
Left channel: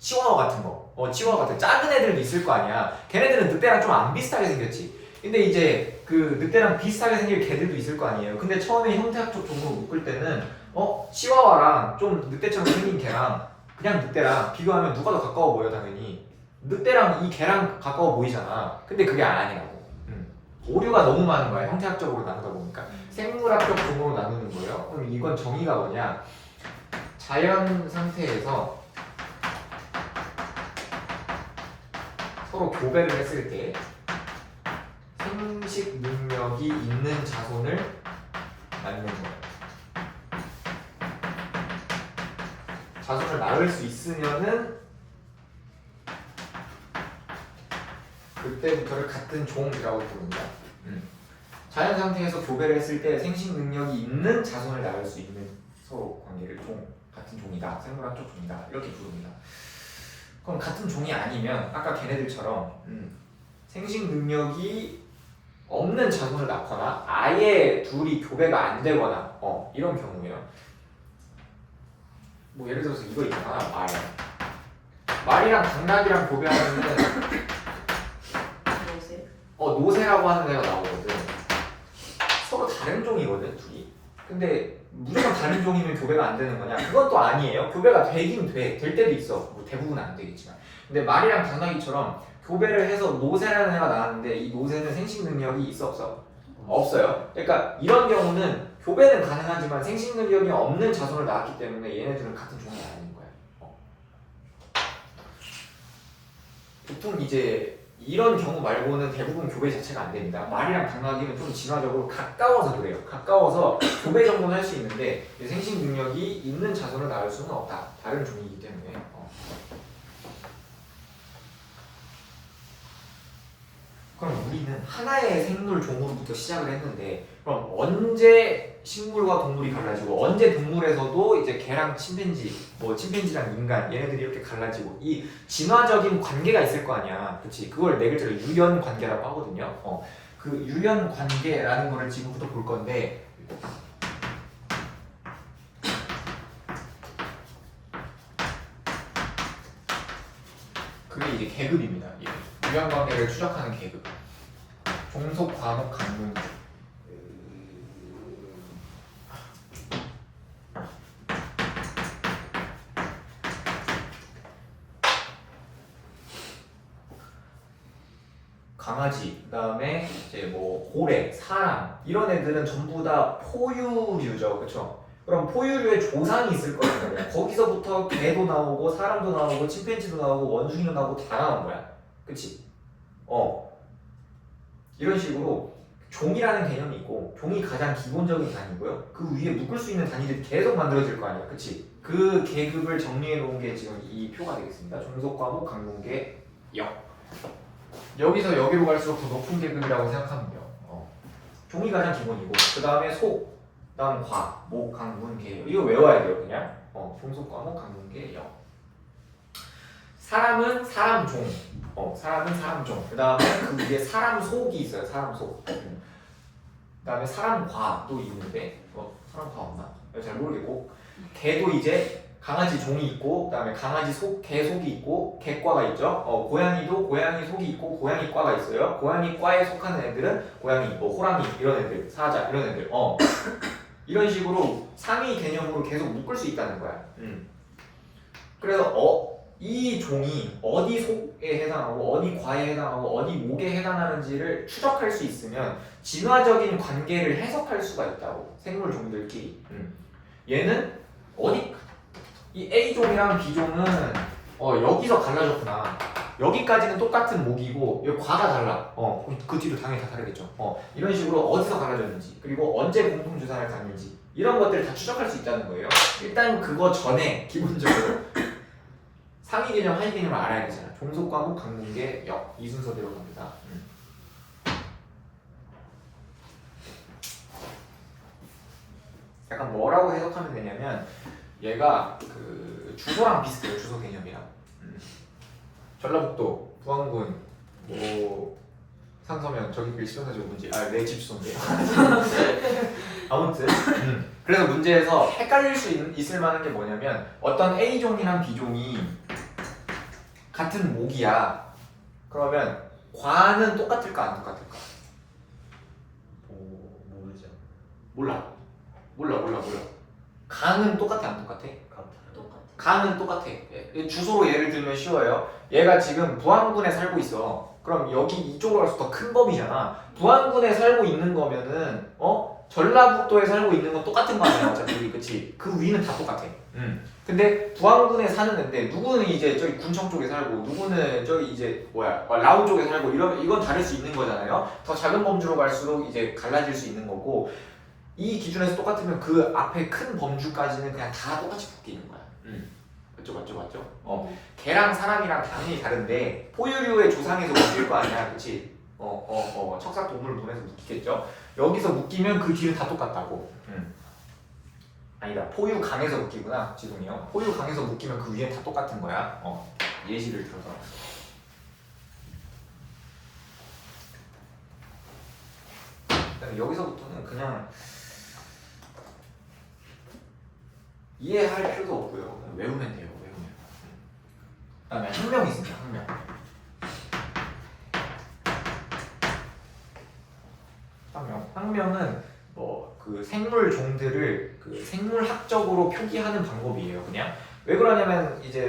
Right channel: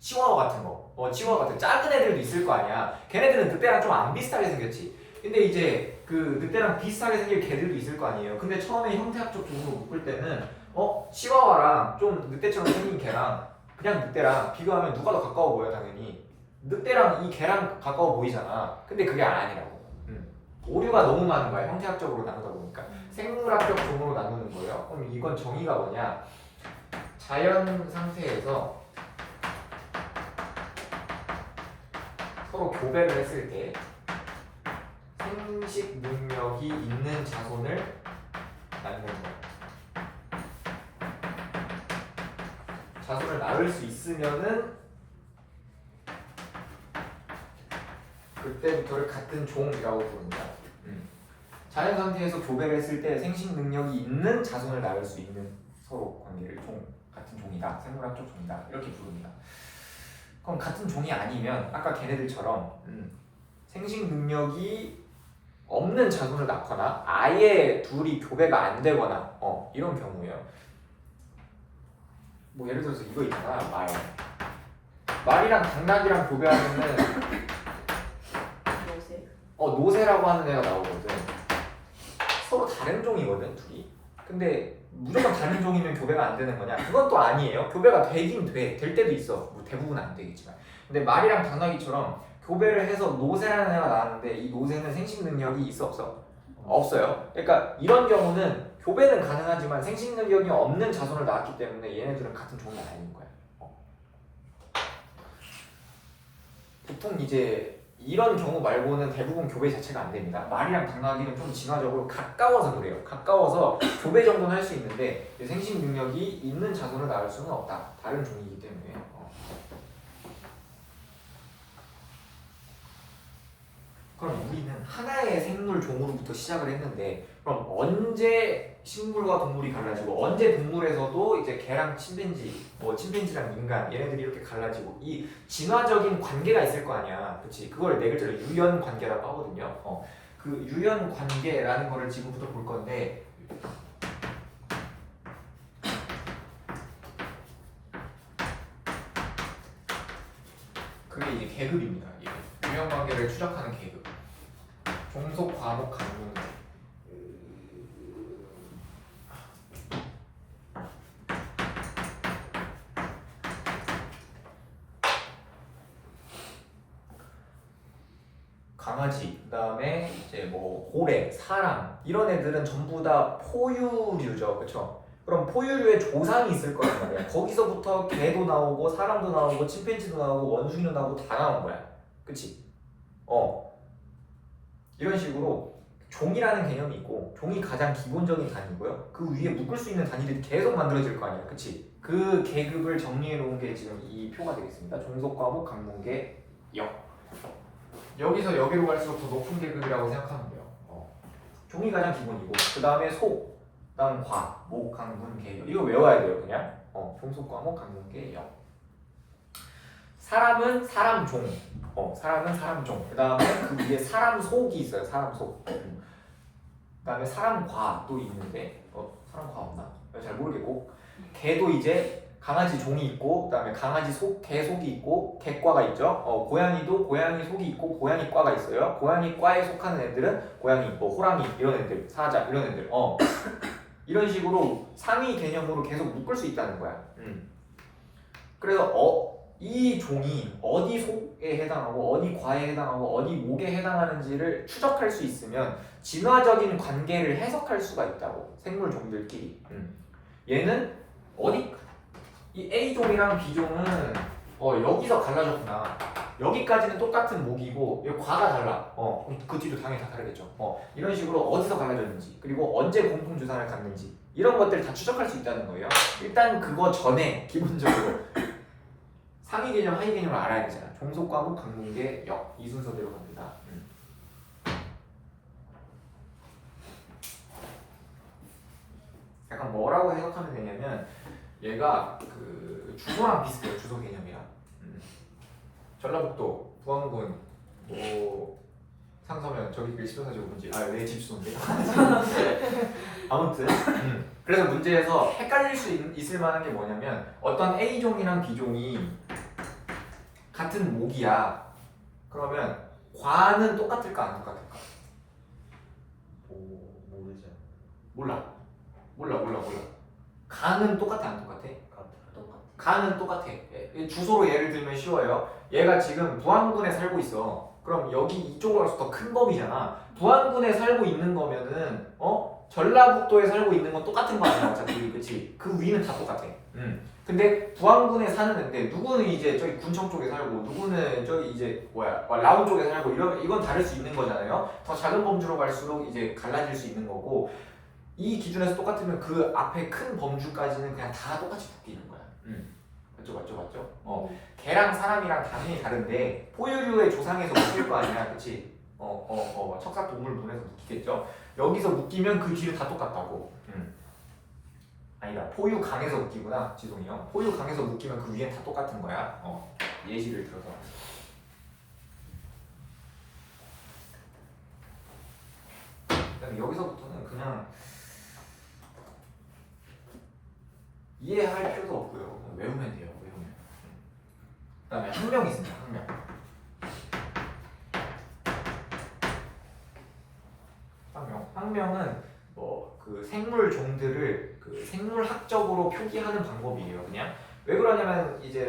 치와와 같은 거. 치와와 같은 작은 애들도 있을 거 아니야. 걔네들은 늑대랑 좀 안 비슷하게 생겼지. 근데 이제 그 늑대랑 비슷하게 생길 개들도 있을 거 아니에요. 근데 처음에 형태학적 종으로 묶을 때는 치와와랑 좀 늑대처럼 생긴 개랑 그냥 늑대랑 비교하면 누가 더 가까워 보여 당연히. 늑대랑 이 개랑 가까워 보이잖아. 근데 그게 아니라고. 오류가 너무 많은 거야. 형태학적으로 나누다 보니까. 생물학적 종으로 나누는 거예요. 그럼 이건 정의가 뭐냐? 자연 상태에서 서로 교배를 했을 때 생식 능력이 있는 자손을 낳는 거예요. 자손을 낳을 수 있으면은 그때부터를 같은 종이라고 부릅니다. 자연 상태에서 교배를 했을 때 생식 능력이 있는 자손을 낳을 수 있는 서로 관계를 같은 종이다, 생물학적 종이다 이렇게 부릅니다. 그럼 같은 종이 아니면 아까 걔네들처럼 생식 능력이 없는 자손을 낳거나 아예 둘이 교배가 안 되거나 이런 경우예요. 뭐 예를 들어서 이거 있잖아, 말이랑 당나귀랑 교배하면은 노새라고 하는 애가 나오거든. 서로 다른 종이거든 둘이. 근데 무조건 다른 종이면 교배가 안 되는 거냐? 그건 또 아니에요. 교배가 되긴 돼. 될 때도 있어. 뭐 대부분은 안 되겠지만. 근데 말이랑 당나귀처럼 교배를 해서 노새라는 애가 나왔는데 이 노새는 생식 능력이 있어 없어? 없어요. 그러니까 이런 경우는 교배는 가능하지만 생식 능력이 없는 자손을 낳았기 때문에 얘네들은 같은 종이 아닌 거야. 보통 이제 이런 경우 말고는 대부분 교배 자체가 안 됩니다. 말이랑 당나귀는 좀 진화적으로 가까워서 그래요. 가까워서 교배 정도는 할 수 있는데 생식 능력이 있는 자손을 낳을 수는 없다. 다른 종이기 때문에. 그럼 우리는 하나의 생물 종으로부터 시작을 했는데 그럼 언제 식물과 동물이 갈라지고 언제 동물에서도 이제 개랑 침팬지, 뭐 침팬지랑 인간 얘네들이 이렇게 갈라지고 이 진화적인 관계가 있을 거 아니야. 그렇지? 그걸 네 글자로 유연 관계라고 하거든요. 그 유연 관계라는 거를 지금부터 볼 건데 그게 이제 계급입니다. 유연 관계를 추적하는 계급. 종속, 과목, 강목. 강아지, 그다음에 이제 뭐 고래, 사람 이런 애들은 전부 다 포유류죠, 그렇죠? 그럼 포유류의 조상이 있을 거란 말이야. 거기서부터 개도 나오고 사람도 나오고 침팬지도 나오고 원숭이도 나오고 다 나온 거야, 그렇지? 이런 식으로 종이라는 개념이 있고 종이 가장 기본적인 단위고요. 그 위에 묶을 수 있는 단위들이 계속 만들어질 거 아니야, 그렇지? 그 계급을 정리해 놓은 게 지금 이 표가 되겠습니다. 종속, 과목, 강문계, 역. 여기서 여기로 갈수록 더 높은 계급이라고 생각하면 돼요. 종이 가장 기본이고 그 다음에 속, 그 다음 과, 목, 강, 문, 계, 역. 이거 외워야 돼요 그냥. 종속, 과목, 강문, 계, 역. 사람은 사람 종. 사람은 사람 종. 그 다음에 그 위에 사람 속이 있어요. 사람 속. 그 다음에 사람 과도 있는데 사람 과 없나? 잘 모르겠고 개도 이제 강아지 종이 있고 그 다음에 강아지 속, 개 속이 있고 개과가 있죠. 고양이도 고양이 속이 있고 고양이 과가 있어요. 고양이 과에 속하는 애들은 고양이, 뭐 호랑이 이런 애들, 사자 이런 애들. 이런 식으로 상위 개념으로 계속 묶을 수 있다는 거야. 그래서 이 종이 어디 속에 해당하고 어디 과에 해당하고 어디 목에 해당하는지를 추적할 수 있으면 진화적인 관계를 해석할 수가 있다고. 생물 종들끼리. 얘는 어디 이 A종이랑 B종은 여기서 갈라졌구나. 여기까지는 똑같은 목이고 여기 과가 달라. 그 뒤로 당연히 다 다르겠죠. 이런 식으로 어디서 갈라졌는지 그리고 언제 공통 주산을 갖는지 이런 것들을 다 추적할 수 있다는 거예요. 일단 그거 전에 기본적으로 상위 개념, 하위 개념을 알아야 되잖아. 종속, 과목, 강문계, 역. 이 순서대로 갑니다. 약간 뭐라고 해석하면 되냐면 얘가 그 주소랑 비슷해요. 주소 개념이랑. 전라북도, 부안군, 뭐 상서면 저기 길 시청사지구 문제. 내 집 주소인데. 아무튼 그래서 문제에서 헷갈릴 수 있을 만한 게 뭐냐면 어떤 A종이랑 B종이 같은 목이야. 그러면 과는 똑같을까 안 똑같을까? 모르죠. 몰라. 가는 똑같아 안 똑같아? 똑같아. 가는 똑같아. 주소로 예를 들면 쉬워요. 얘가 지금 부안군에 살고 있어. 그럼 여기 이쪽으로 갈수록 더 큰 범위잖아. 부안군에 살고 있는 거면은 전라북도에 살고 있는 건 똑같은 거 아니야 어차피. 그치? 그 위는 다 똑같아. 근데 부안군에 사는 애인데 누구는 이제 저기 군청 쪽에 살고 누구는 저기 이제 라온 쪽에 살고 이건 다를 수 있는 거잖아요. 더 작은 범주로 갈수록 이제 갈라질 수 있는 거고 이 기준에서 똑같으면 그 앞에 큰 범주까지는 그냥 다 똑같이 바뀌는 거야. 맞죠? 개랑 사람이랑 당연히 다른데 포유류의 조상에서 묶일 거 아니야, 그렇지? 척사 동물분에서 묶이겠죠. 여기서 묶이면 그 뒤는 다 똑같다고. 아니다, 포유강에서 묶이구나, 지동이요. 포유강에서 묶이면 그 위에 다 똑같은 거야. 예시를 들어서. 여기서부터는 그냥 이해할 필요도 없고요. 그냥 외우면 돼요. 그다음에 학명 있습니다. 학명은 그 생물 종들을 그 생물학적으로 표기하는 방법이에요. 그냥 왜 그러냐면 이제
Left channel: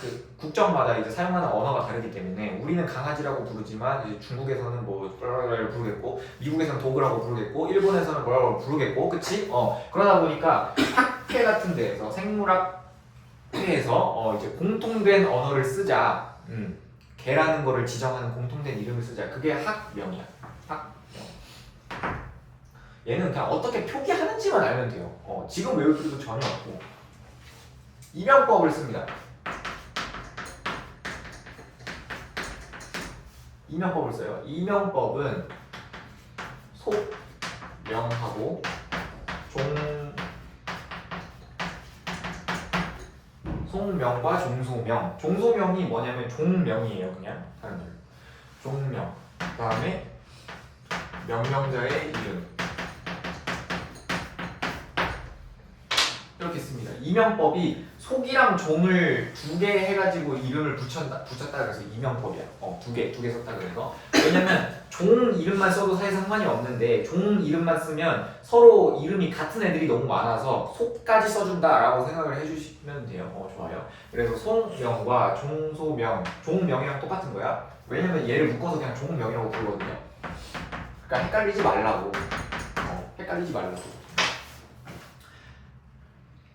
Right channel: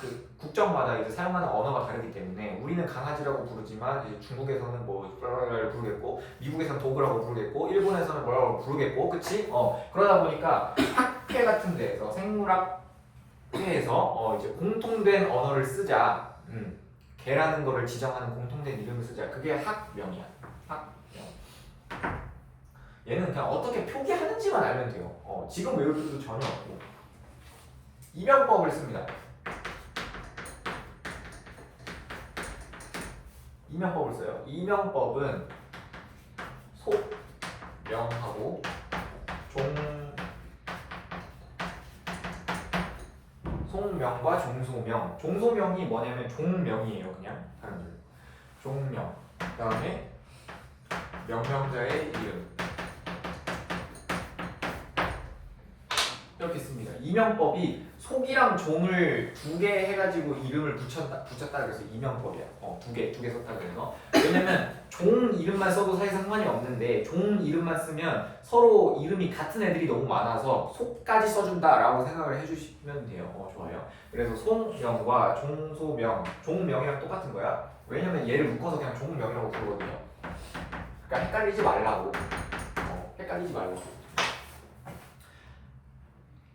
그 국적마다 이제 사용하는 언어가 다르기 때문에 우리는 강아지라고 부르지만 이제 중국에서는 뭐 부르겠고 미국에서는 도그라고 부르겠고 일본에서는 뭐라고 부르겠고, 그치? 그러다 보니까 학회 같은 데에서 생물학회에서 이제 공통된 언어를 쓰자. 개라는 거를 지정하는 공통된 이름을 쓰자. 그게 학명이야. 얘는 그냥 어떻게 표기하는지만 알면 돼요. 지금 외울 필요도 전혀 없고. 이명법을 씁니다. 이명법을 써요. 이명법은 속명하고 속명과 종소명. 종소명이 뭐냐면 종명이에요. 그냥 다른 말로 종명. 그다음에 명명자의 이름. 이렇게 씁니다. 이명법이 속이랑 종을 두 개 해가지고 이름을 붙였다 그래서 이명법이야. 두 개 썼다 그래서. 왜냐면 종 이름만 써도 사실 상관이 없는데 종 이름만 쓰면 서로 이름이 같은 애들이 너무 많아서 속까지 써준다라고 생각을 해주시면 돼요. 좋아요. 그래서 속명과 종소명, 종명이랑 똑같은 거야. 왜냐면 얘를 묶어서 그냥 종명이라고 부르거든요. 그러니까 헷갈리지 말라고.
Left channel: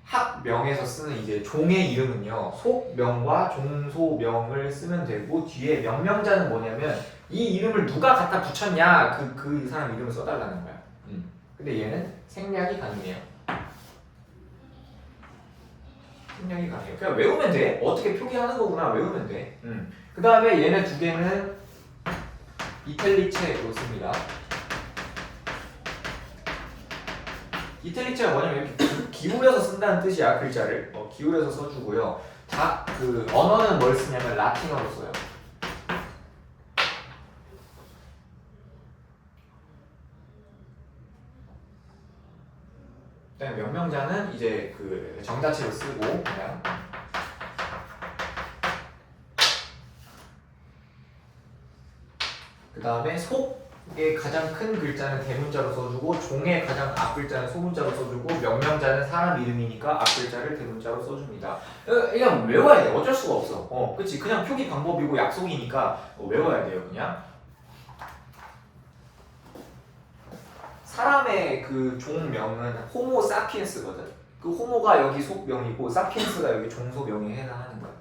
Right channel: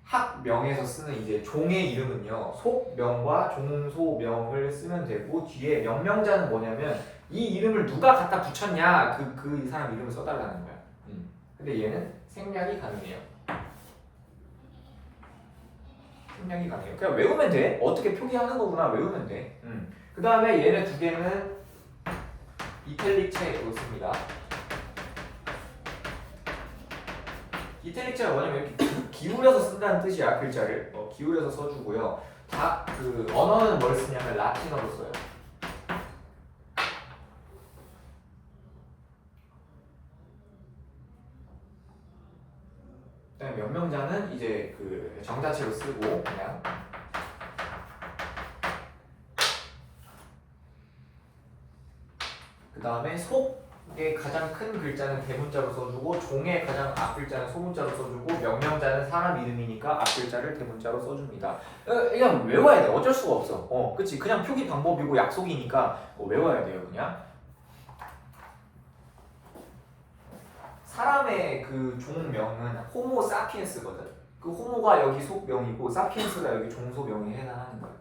학명에서 쓰는 이제 종의 이름은요, 속명과 종소명을 쓰면 되고 뒤에 명명자는 뭐냐면 이 이름을 누가 갖다 붙였냐 그 사람 이름을 써달라는 거야. 근데 얘는 생략이 가능해요. 그냥 외우면 돼. 어떻게 표기하는 거구나 외우면 돼. 그 다음에 얘네 두 개는 이탈리체로 씁니다. 이탈리체가 뭐냐면 이렇게 기울여서 쓴다는 뜻이야. 글자를 기울여서 써주고요. 그 언어는 뭘 쓰냐면 라틴어로 써요. 그다음에 명명자는 이제 그 정자체로 쓰고 그냥. 그 다음에 속의 가장 큰 글자는 대문자로 써주고 종의 가장 앞글자는 소문자로 써주고 명명자는 사람 이름이니까 앞글자를 대문자로 써줍니다. 그냥 외워야 돼. 어쩔 수가 없어. 그치? 그냥 표기 방법이고 약속이니까 외워야 돼요. 그냥. 사람의 그 종명은 호모 사피엔스거든. 그 호모가 여기 속명이고 사피엔스가 여기 종소명에 해당하는 거야.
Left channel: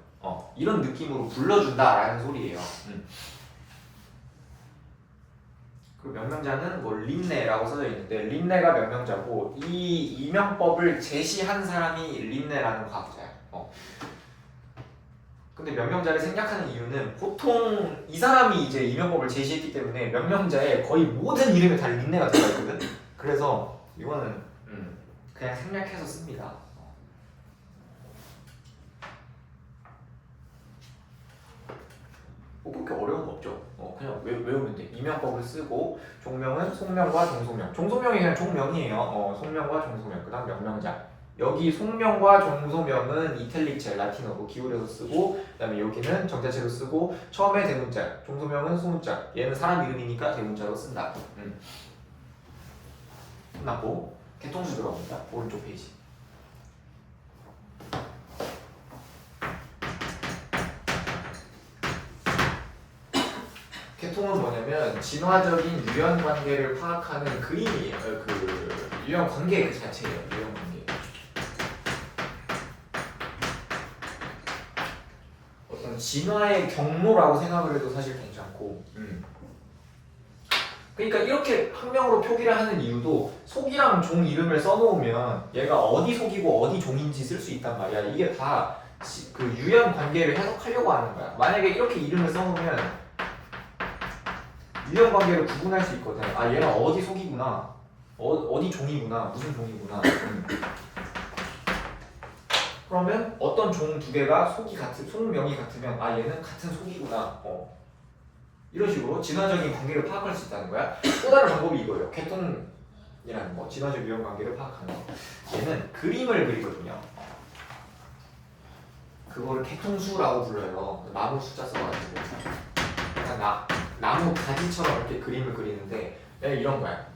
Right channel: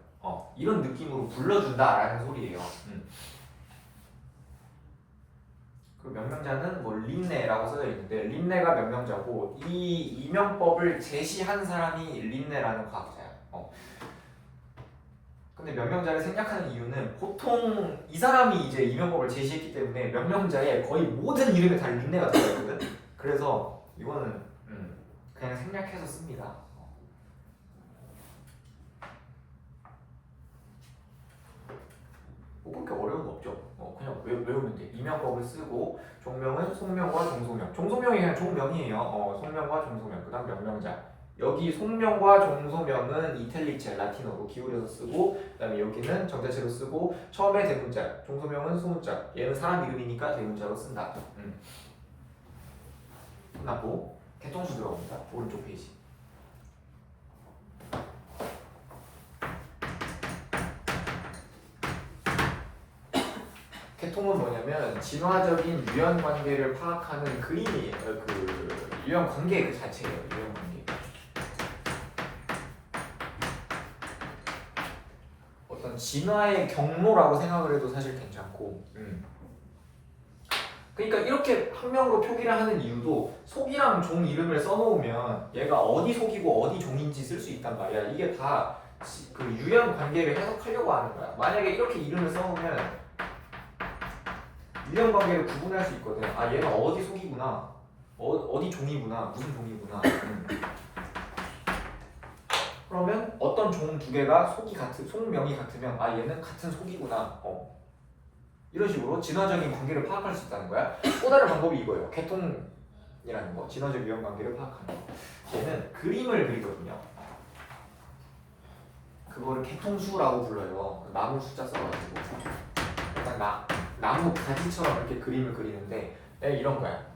이런 느낌으로 불러준다라는 소리예요. 그 명명자는 뭐 린네라고 써져 있는데 린네가 명명자고 이 이명법을 제시한 사람이 린네라는 과학자야. 근데 명명자를 생략하는 이유는 보통 이 사람이 이제 이명법을 제시했기 때문에 명명자의 거의 모든 이름에 다 린네가 들어있거든. 그래서 이거는 그냥 생략해서 씁니다. 뭐 그렇게 어려운 거 없죠. 그냥 외우면 돼. 이명법을 쓰고 종명은 속명과 종소명. 종소명이 그냥 종명이에요. 속명과 종소명. 그다음 명명자. 여기 속명과 종소명은 이탈릭 젤 라틴어로 기울여서 쓰고 그다음에 여기는 정자체로 쓰고 처음에 대문자, 종소명은 소문자. 얘는 사람 이름이니까 대문자로 쓴다. 끝났고 개통수 들어갑니다. 오른쪽 페이지. 개통은 뭐냐면 진화적인 유형 관계를 파악하는 그림이에요. 그 유형 관계 그 자체예요. 유형 관계. 어떤 진화의 경로라고 생각을 해도 사실 괜찮고. 그러니까 이렇게 학명으로 표기를 하는 이유도 속이랑 종 이름을 써놓으면 얘가 어디 속이고 어디 종인지 쓸 수 있단 말이야. 이게 다 그 유형 관계를 해석하려고 하는 거야. 만약에 이렇게 이름을 써놓으면 유형 관계를 구분할 수 있거든. 아 얘가 어디 속이구나, 어디 종이구나, 무슨 종이구나. 그러면 어떤 종 두 개가 속명이 같으면 아 얘는 같은 속이구나. 이런 식으로 진화적인 관계를 파악할 수 있다는 거야. 또 다른 방법이 이거예요. 개통이라는 거, 진화적 유형 관계를 파악하는 거. 얘는 그림을 그리거든요. 그거를 개통수라고 불러요. 나무 숫자 써가지고 약간 나무 가지처럼 이렇게 그림을 그리는데 이런 거야.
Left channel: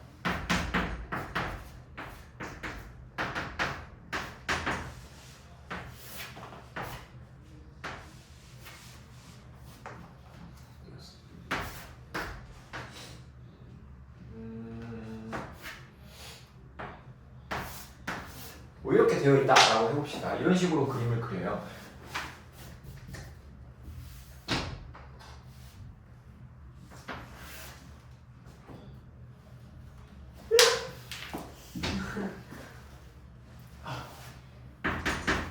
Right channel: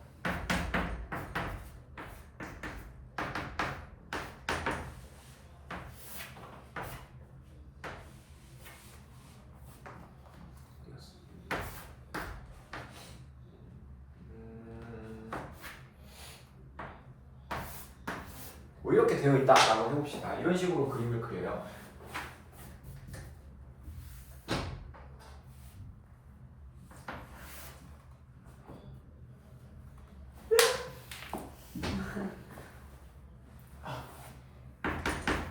뭐 이렇게 되어 있다라고 해봅시다. 이런 식으로 그림을 그려요.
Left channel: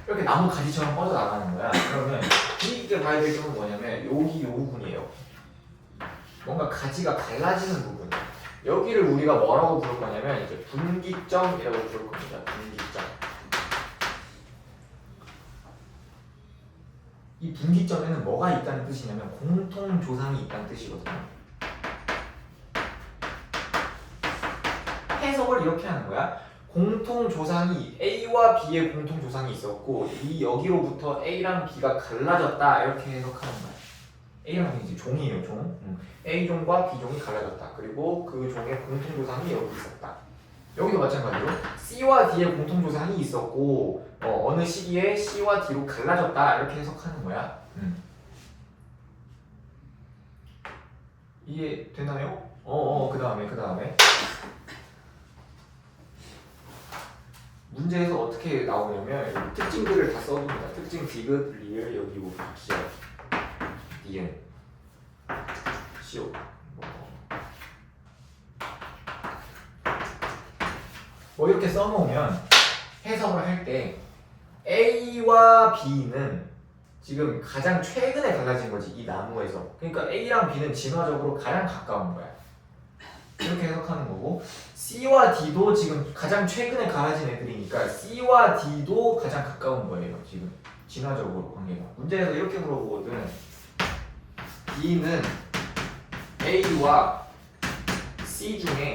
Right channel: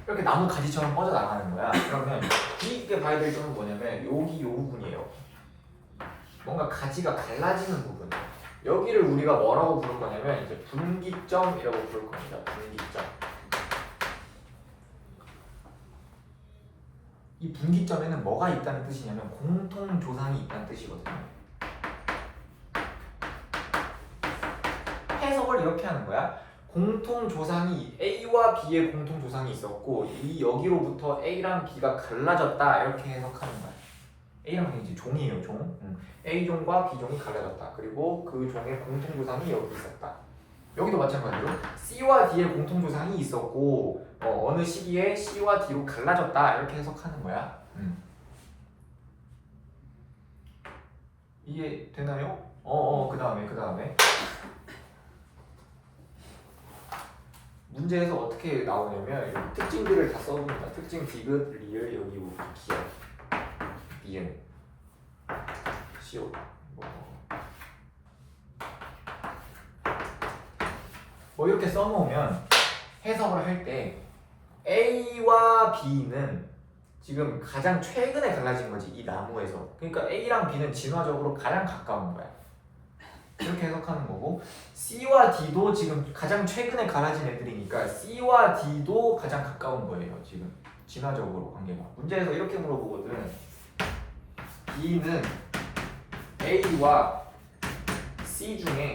이렇게 나무 가지처럼 뻗어 나가는 거야. 그러면 이때 봐야 될 점은 뭐냐면 여기 요 부분이에요. 뭔가 가지가 갈라지는 부분. 여기를 우리가 뭐라고 부를 거냐면 이제 분기점이라고 부를 겁니다. 분기점. 이 분기점에는 뭐가 있다는 뜻이냐면 공통 조상이 있다는 뜻이거든요. 해석을 이렇게 하는 거야. 공통 조상이 A와 B의 공통 조상이 있었고 이 여기로부터 A랑 B가 갈라졌다 이렇게 해석하는 거야. A랑 B는 이제 종이에요, 종. A 종과 B 종이 갈라졌다. 그리고 그 종의 공통 조상이 여기 있었다. 여기도 마찬가지로 C와 D의 공통 조상이 있었고 어느 시기에 C와 D로 갈라졌다 이렇게 해석하는 거야. 이해 되나요? 그 다음에 문제에서 어떻게 나오냐면 여기 특징들을 다 써봅니다. 특징 디귿, 리을, 여기 뭐 기억, 니은, 시옷 뭐 이렇게 써놓으면 해석을 할 때 A와 B는 지금 가장 최근에 갈라진 거지, 이 나무에서. 그러니까 A랑 B는 진화적으로 가장 가까운 거야. 이렇게 해석하는 거고 C와 D도 지금 가장 최근에 갈라진 애들이니까 C와 D도 가장 가까운 거예요. 지금 진화적으로 관계가. 문제에서 이렇게 물어보거든. B는 A와 C 중에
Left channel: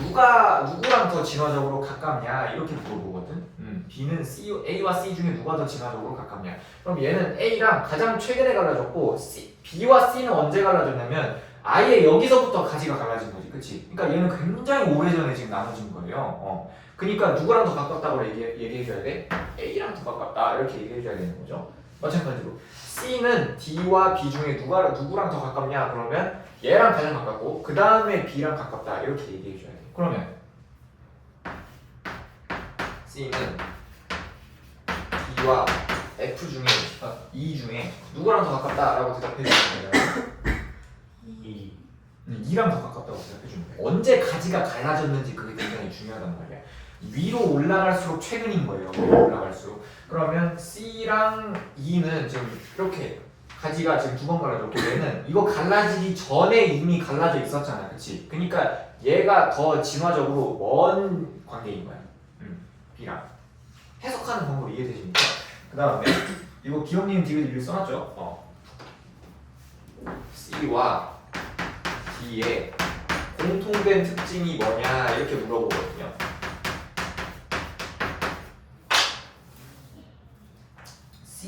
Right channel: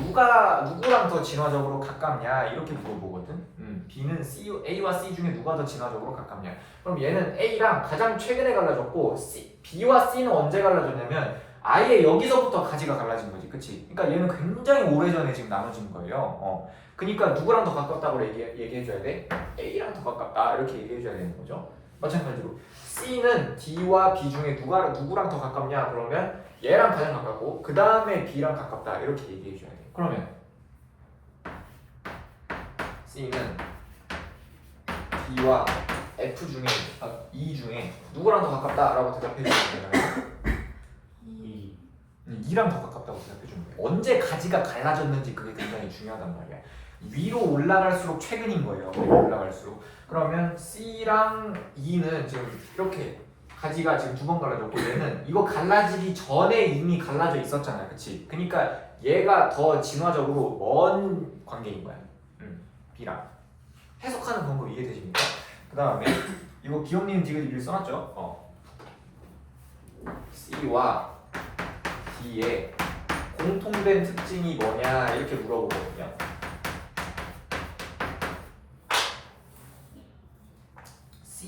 누구랑 더 진화적으로 가깝냐 이렇게 물어보거든. B는 A와 C 중에 누가 더 진화적으로 가깝냐. 그럼 얘는 A랑 가장 최근에 갈라졌고 B와 C는 언제 갈라졌냐면 아예 여기서부터 가지가 갈라진 거지, 그치? 그러니까 얘는 굉장히 오래전에 지금 나눠진 거예요. 그러니까 누구랑 더 가깝다고 얘기해줘야 돼? A랑 더 가깝다 이렇게 얘기해줘야 되는 거죠. 마찬가지로 C는 D와 B 중에 누구랑 더 가깝냐 그러면 얘랑 가장 가깝고 그 다음에 B랑 가깝다 이렇게 얘기해줘야 돼. 그러면 C는 D와 F 중에 E 중에 누구랑 더 가깝다라고 대답해주면 돼요. 2랑 더 가깝다고 생각해주면 돼. 언제 가지가 갈라졌는지 그게 굉장히 중요하단 말이야. 위로 올라갈수록 최근인 거예요. 위로 올라갈수록. 그러면 C랑 E는 지금 이렇게 가지가 지금 두 번 갈라졌고 얘는 이거 갈라지기 전에 이미 갈라져 있었잖아, 그치? 그러니까 얘가 더 진화적으로 먼 관계인 거야. B랑. 해석하는 방법이 이해되십니까? 그 다음에 이거 기억님 디귿 써놨죠? C와 D의 공통된 특징이 뭐냐 이렇게 물어보거든요.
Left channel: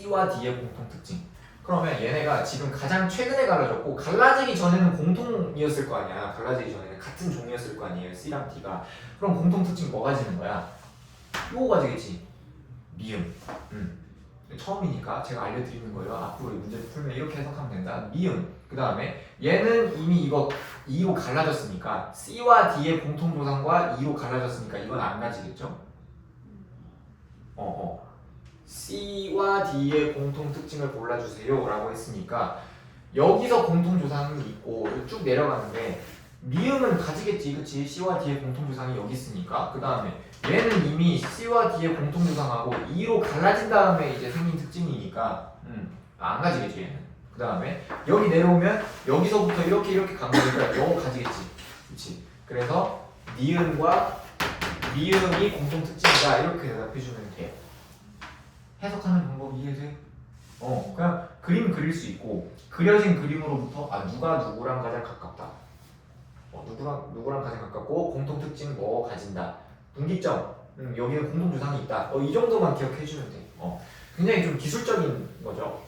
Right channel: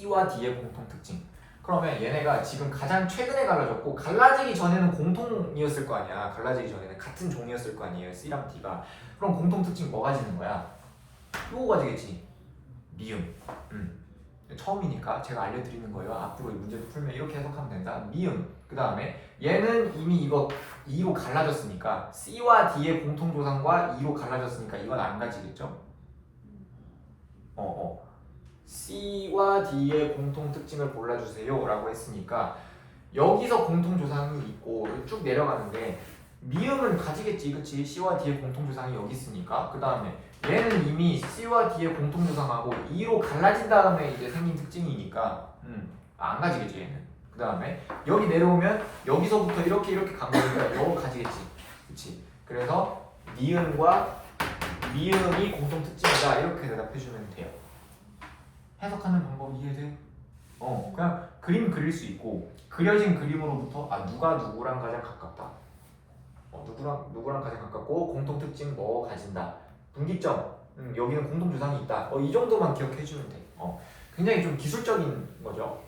C와 D의 공통 특징. 그러면 얘네가 지금 가장 최근에 갈라졌고 갈라지기 전에는 공통이었을 거 아니야. 갈라지기 전에는 같은 종이었을 거 아니에요. C랑 D가. 그럼 공통 특징 뭐 가지는 거야? 요거 가지겠지. 미음. 처음이니까 제가 알려드리는 거예요. 앞으로 문제를 풀면 이렇게 해석하면 된다. 미음. 그 다음에 얘는 이미 이거 2로 갈라졌으니까 C와 D의 공통조상과 2로 갈라졌으니까 이건 안 가지겠죠? C와 D의 공통 특징을 골라주세요 라고 했으니까 여기서 공통조상이 있고 쭉 내려가는데 미음은 가지겠지. 그치? C와 D의 공통조상이 여기 있으니까 그 다음에 얘는 이미 C와 D의 공통조상하고 2로 갈라진 다음에 이제 생긴 특징이니까 안 가지겠지 얘는. 그 다음에 여기 내려오면 여기서부터 이렇게 간 거니까 이거 가지겠지. 그치? 그래서 니은과 미음이 공통 특징이다 이렇게 대답해주면 돼요. 해석하는 방법이 이해돼? 그냥 그림 그릴 수 있고 그려진 그림으로부터 누가 누구랑 가장 가깝다. 누구랑 가장 가깝고 공통 특징 뭐 가진다. 분기점. 여기는 공통 조상이 있다. 이 정도만 기억해주면 돼. 굉장히 좀 기술적인 거죠.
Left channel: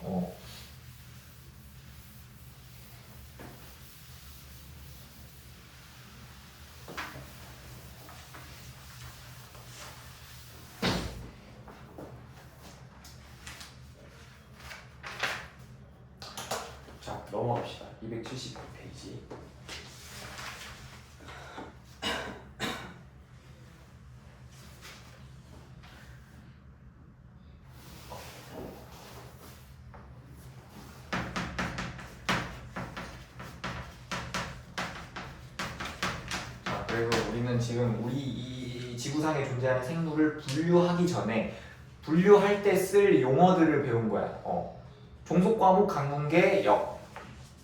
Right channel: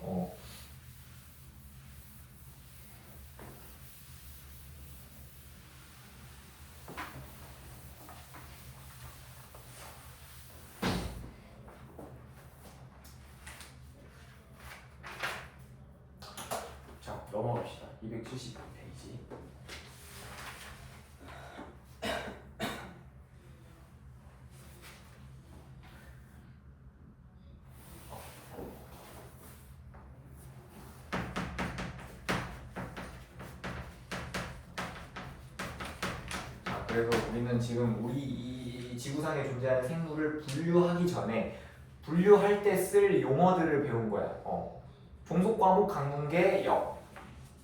자, 넘어갑시다. 270페이지. 그래서 우리는 지금 우리 이 지구상에 존재하는 생물을 분류하기 전에 분류할 때 쓸 용어들을 배운 거야. 종속과목 강분계 역.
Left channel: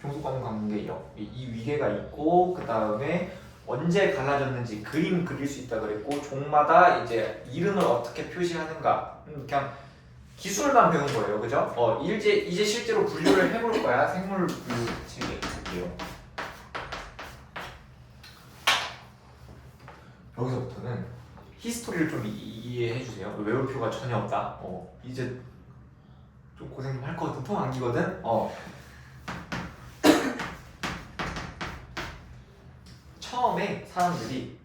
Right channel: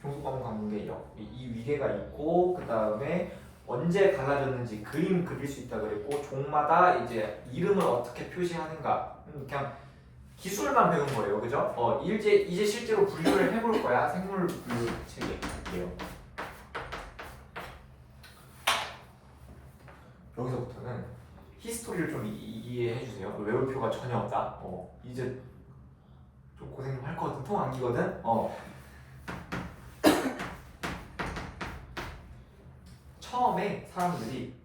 종속과목 강분계 역. 이 위계가 있고 그 다음에 언제 갈라졌는지 그림 그릴 수 있다 그랬고 종마다 이제 이름을 어떻게 표시하는가. 그냥 기술만 배운 거예요. 그죠? 이제 실제로 분류를 해볼 거야. 생물 분류 책에 볼게요. 여기서부터는 히스토리를 좀 이해해 주세요. 외울 필요가 전혀 없다. 이제 좀 고생할 것 같은 통 암기거든. 처음에 사람들이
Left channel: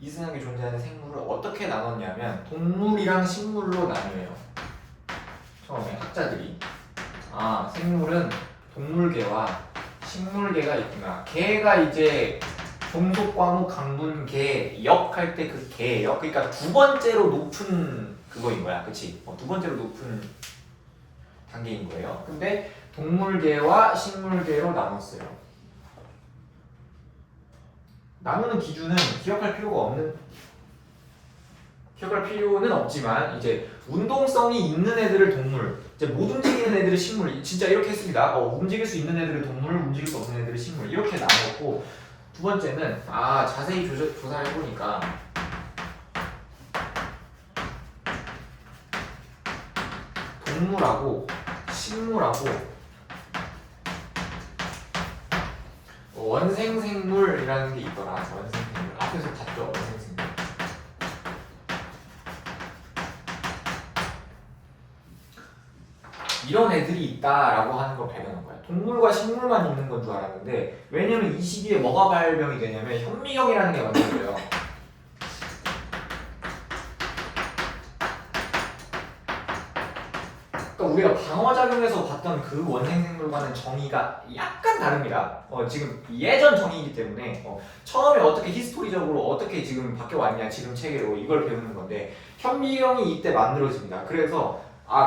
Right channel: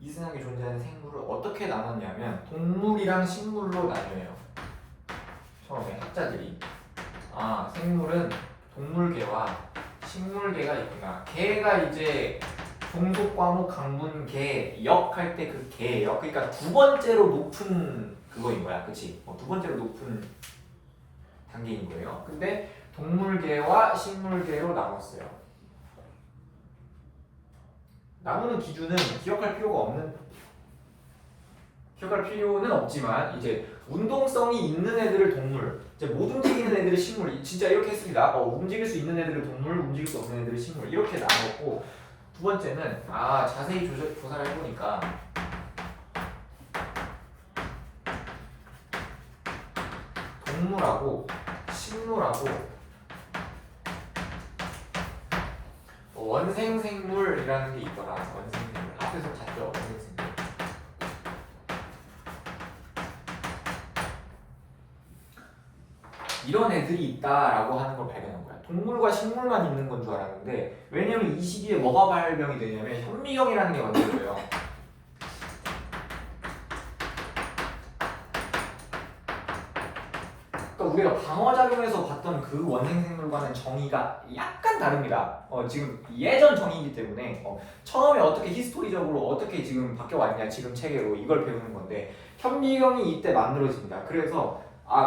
이승하게 존재하는 생물을 어떻게 나눴냐면 동물이랑 식물로 나뉘어요. 처음에 학자들이 생물은 동물계와 식물계가 있구나. 개가 이제 종속과목 강분계 역 할 때 그 개역 그러니까 두 번째로 높은 그거인 거야. 그치? 두 번째로 높은 단계인 거예요. 근데 동물계와 식물계로 나눴어요. 나누는 기준은 기억할 필요는 없지만 이제 운동성이 있는 애들을 동물, 이제 못 움직이는 애들을 식물. 진짜 이렇게 했습니다. 움직일 수 있는 애들을 동물, 움직일 수 없는 애들을 식물 이렇게 나눴고 두 번째는 자세히 조사를 해보니까 동물하고 식물하고 원생생물이라는 게 있더라. 원생생물 앞에서 봤죠. 원생생물. 이런 애들이 있다라고 하는 걸 발견한 거야. 동물과 식물만 있는 건 줄 알았는데 왜냐면 이 시기에 뭐가 발명이 되냐면 현미경이라는 게 만들어져요. 그러니까 우리가 방어작용에서 봤던 그 원생생물과는 정의가 약간 다릅니다. 지금 예전 정의이기 때문에 처음에 어떻게 히스토리적으로 어떻게 지금 바뀌어왔냐 지금 체계로 이걸 배우는 건데 현미경이 이때 만들어집니다. 그래서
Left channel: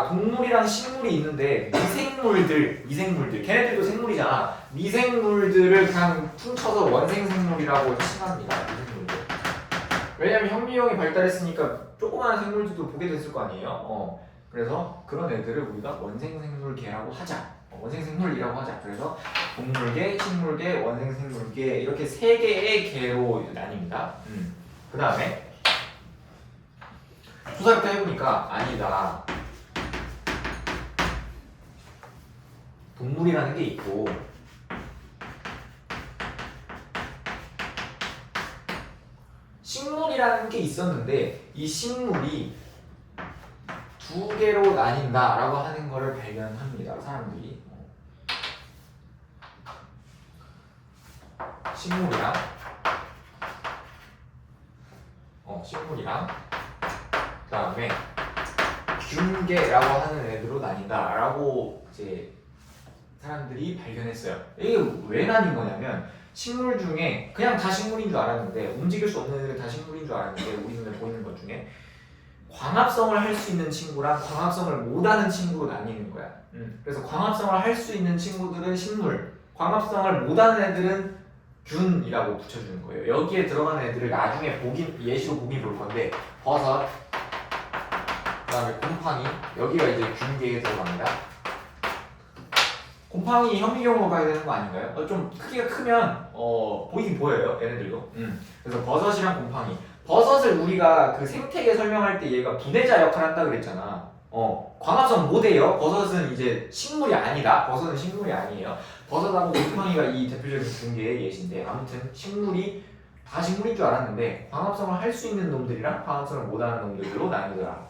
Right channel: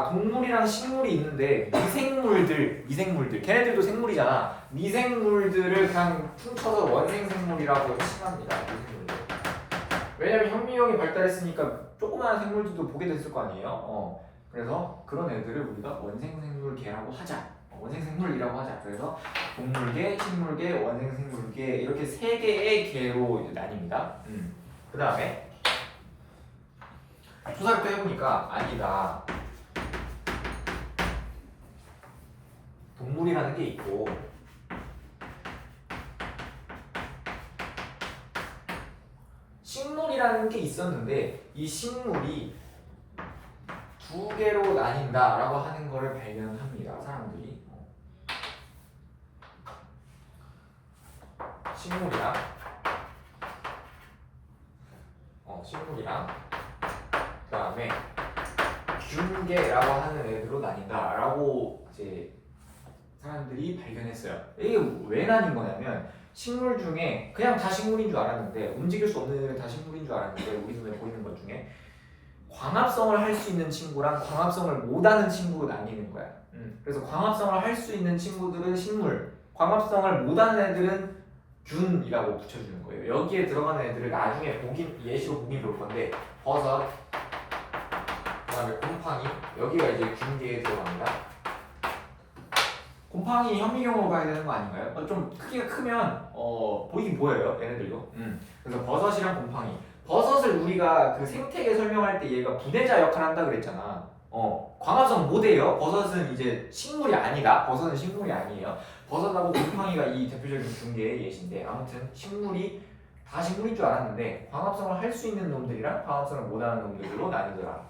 동물이랑 식물이 있는데 미생물들 걔네들도 생물이잖아. 미생물들을 그냥 퉁쳐서 원생생물이라고 칭합니다. 미생물들. 왜냐면 현미경이 발달했으니까 조그마한 생물들도 보게 됐을 거 아니에요. 그래서 그런 애들을 우리가 원생생물계라고 하자. 원생생물이라고 하자. 그래서 동물계, 식물계, 원생생물계 이렇게 세 개의 계로 나뉩니다. 그 다음에 조사를 또 해보니까 아니다. 동물이라는 게 있고 식물이라는 게 있었는데 이 식물이 두 개로 나뉜다라고 하는 거를 발견합니다. 사람들이 식물이랑 식물이랑 그다음에 균계라고 하는 애들로 나뉜다라고 이제 사람들이 발견했어요. 이게 왜 나뉜 거냐면 식물 중에 그냥 다 식물인 줄 알았는데 움직일 수 없는 애들은 다 식물인 줄 알았는데 우리 눈에 보이는 것 중에 광합성을 할 수 있는 친구랑 광합성을 못하는 친구로 나뉘는 거야. 그래서 광합성을 할 수 있는 친구들은 식물, 광합성을 못하는 애들은 균이라고 붙여주는 거예요. 여기에 들어가는 애들을 나중에 예시로 보기 볼 건데 버섯, 그다음에 곰팡이, 여기가 이제 균계에 들어갑니다. 곰팡이 현미경으로 봐야 되는 거 아닌가요? 좀 크기가 크면 보이긴 보여요, 얘네들도. 그래서 버섯이랑 곰팡이. 버섯을 우리가 그 생태계 설명할 때 얘가 분해자 역할을 한다 그랬잖아. 광합성 못해요. 버섯은 이제 식물이 아니다. 버섯은 식물이 아니에요. 버섯하고 곰팡이가 이 대표적인 균계의 예시인데 아무튼 식물이 다 식물인 줄 알았는데 광합성을 할 수 있는 놈들이랑 광합성을 못하는 놈들로 나뉘더라.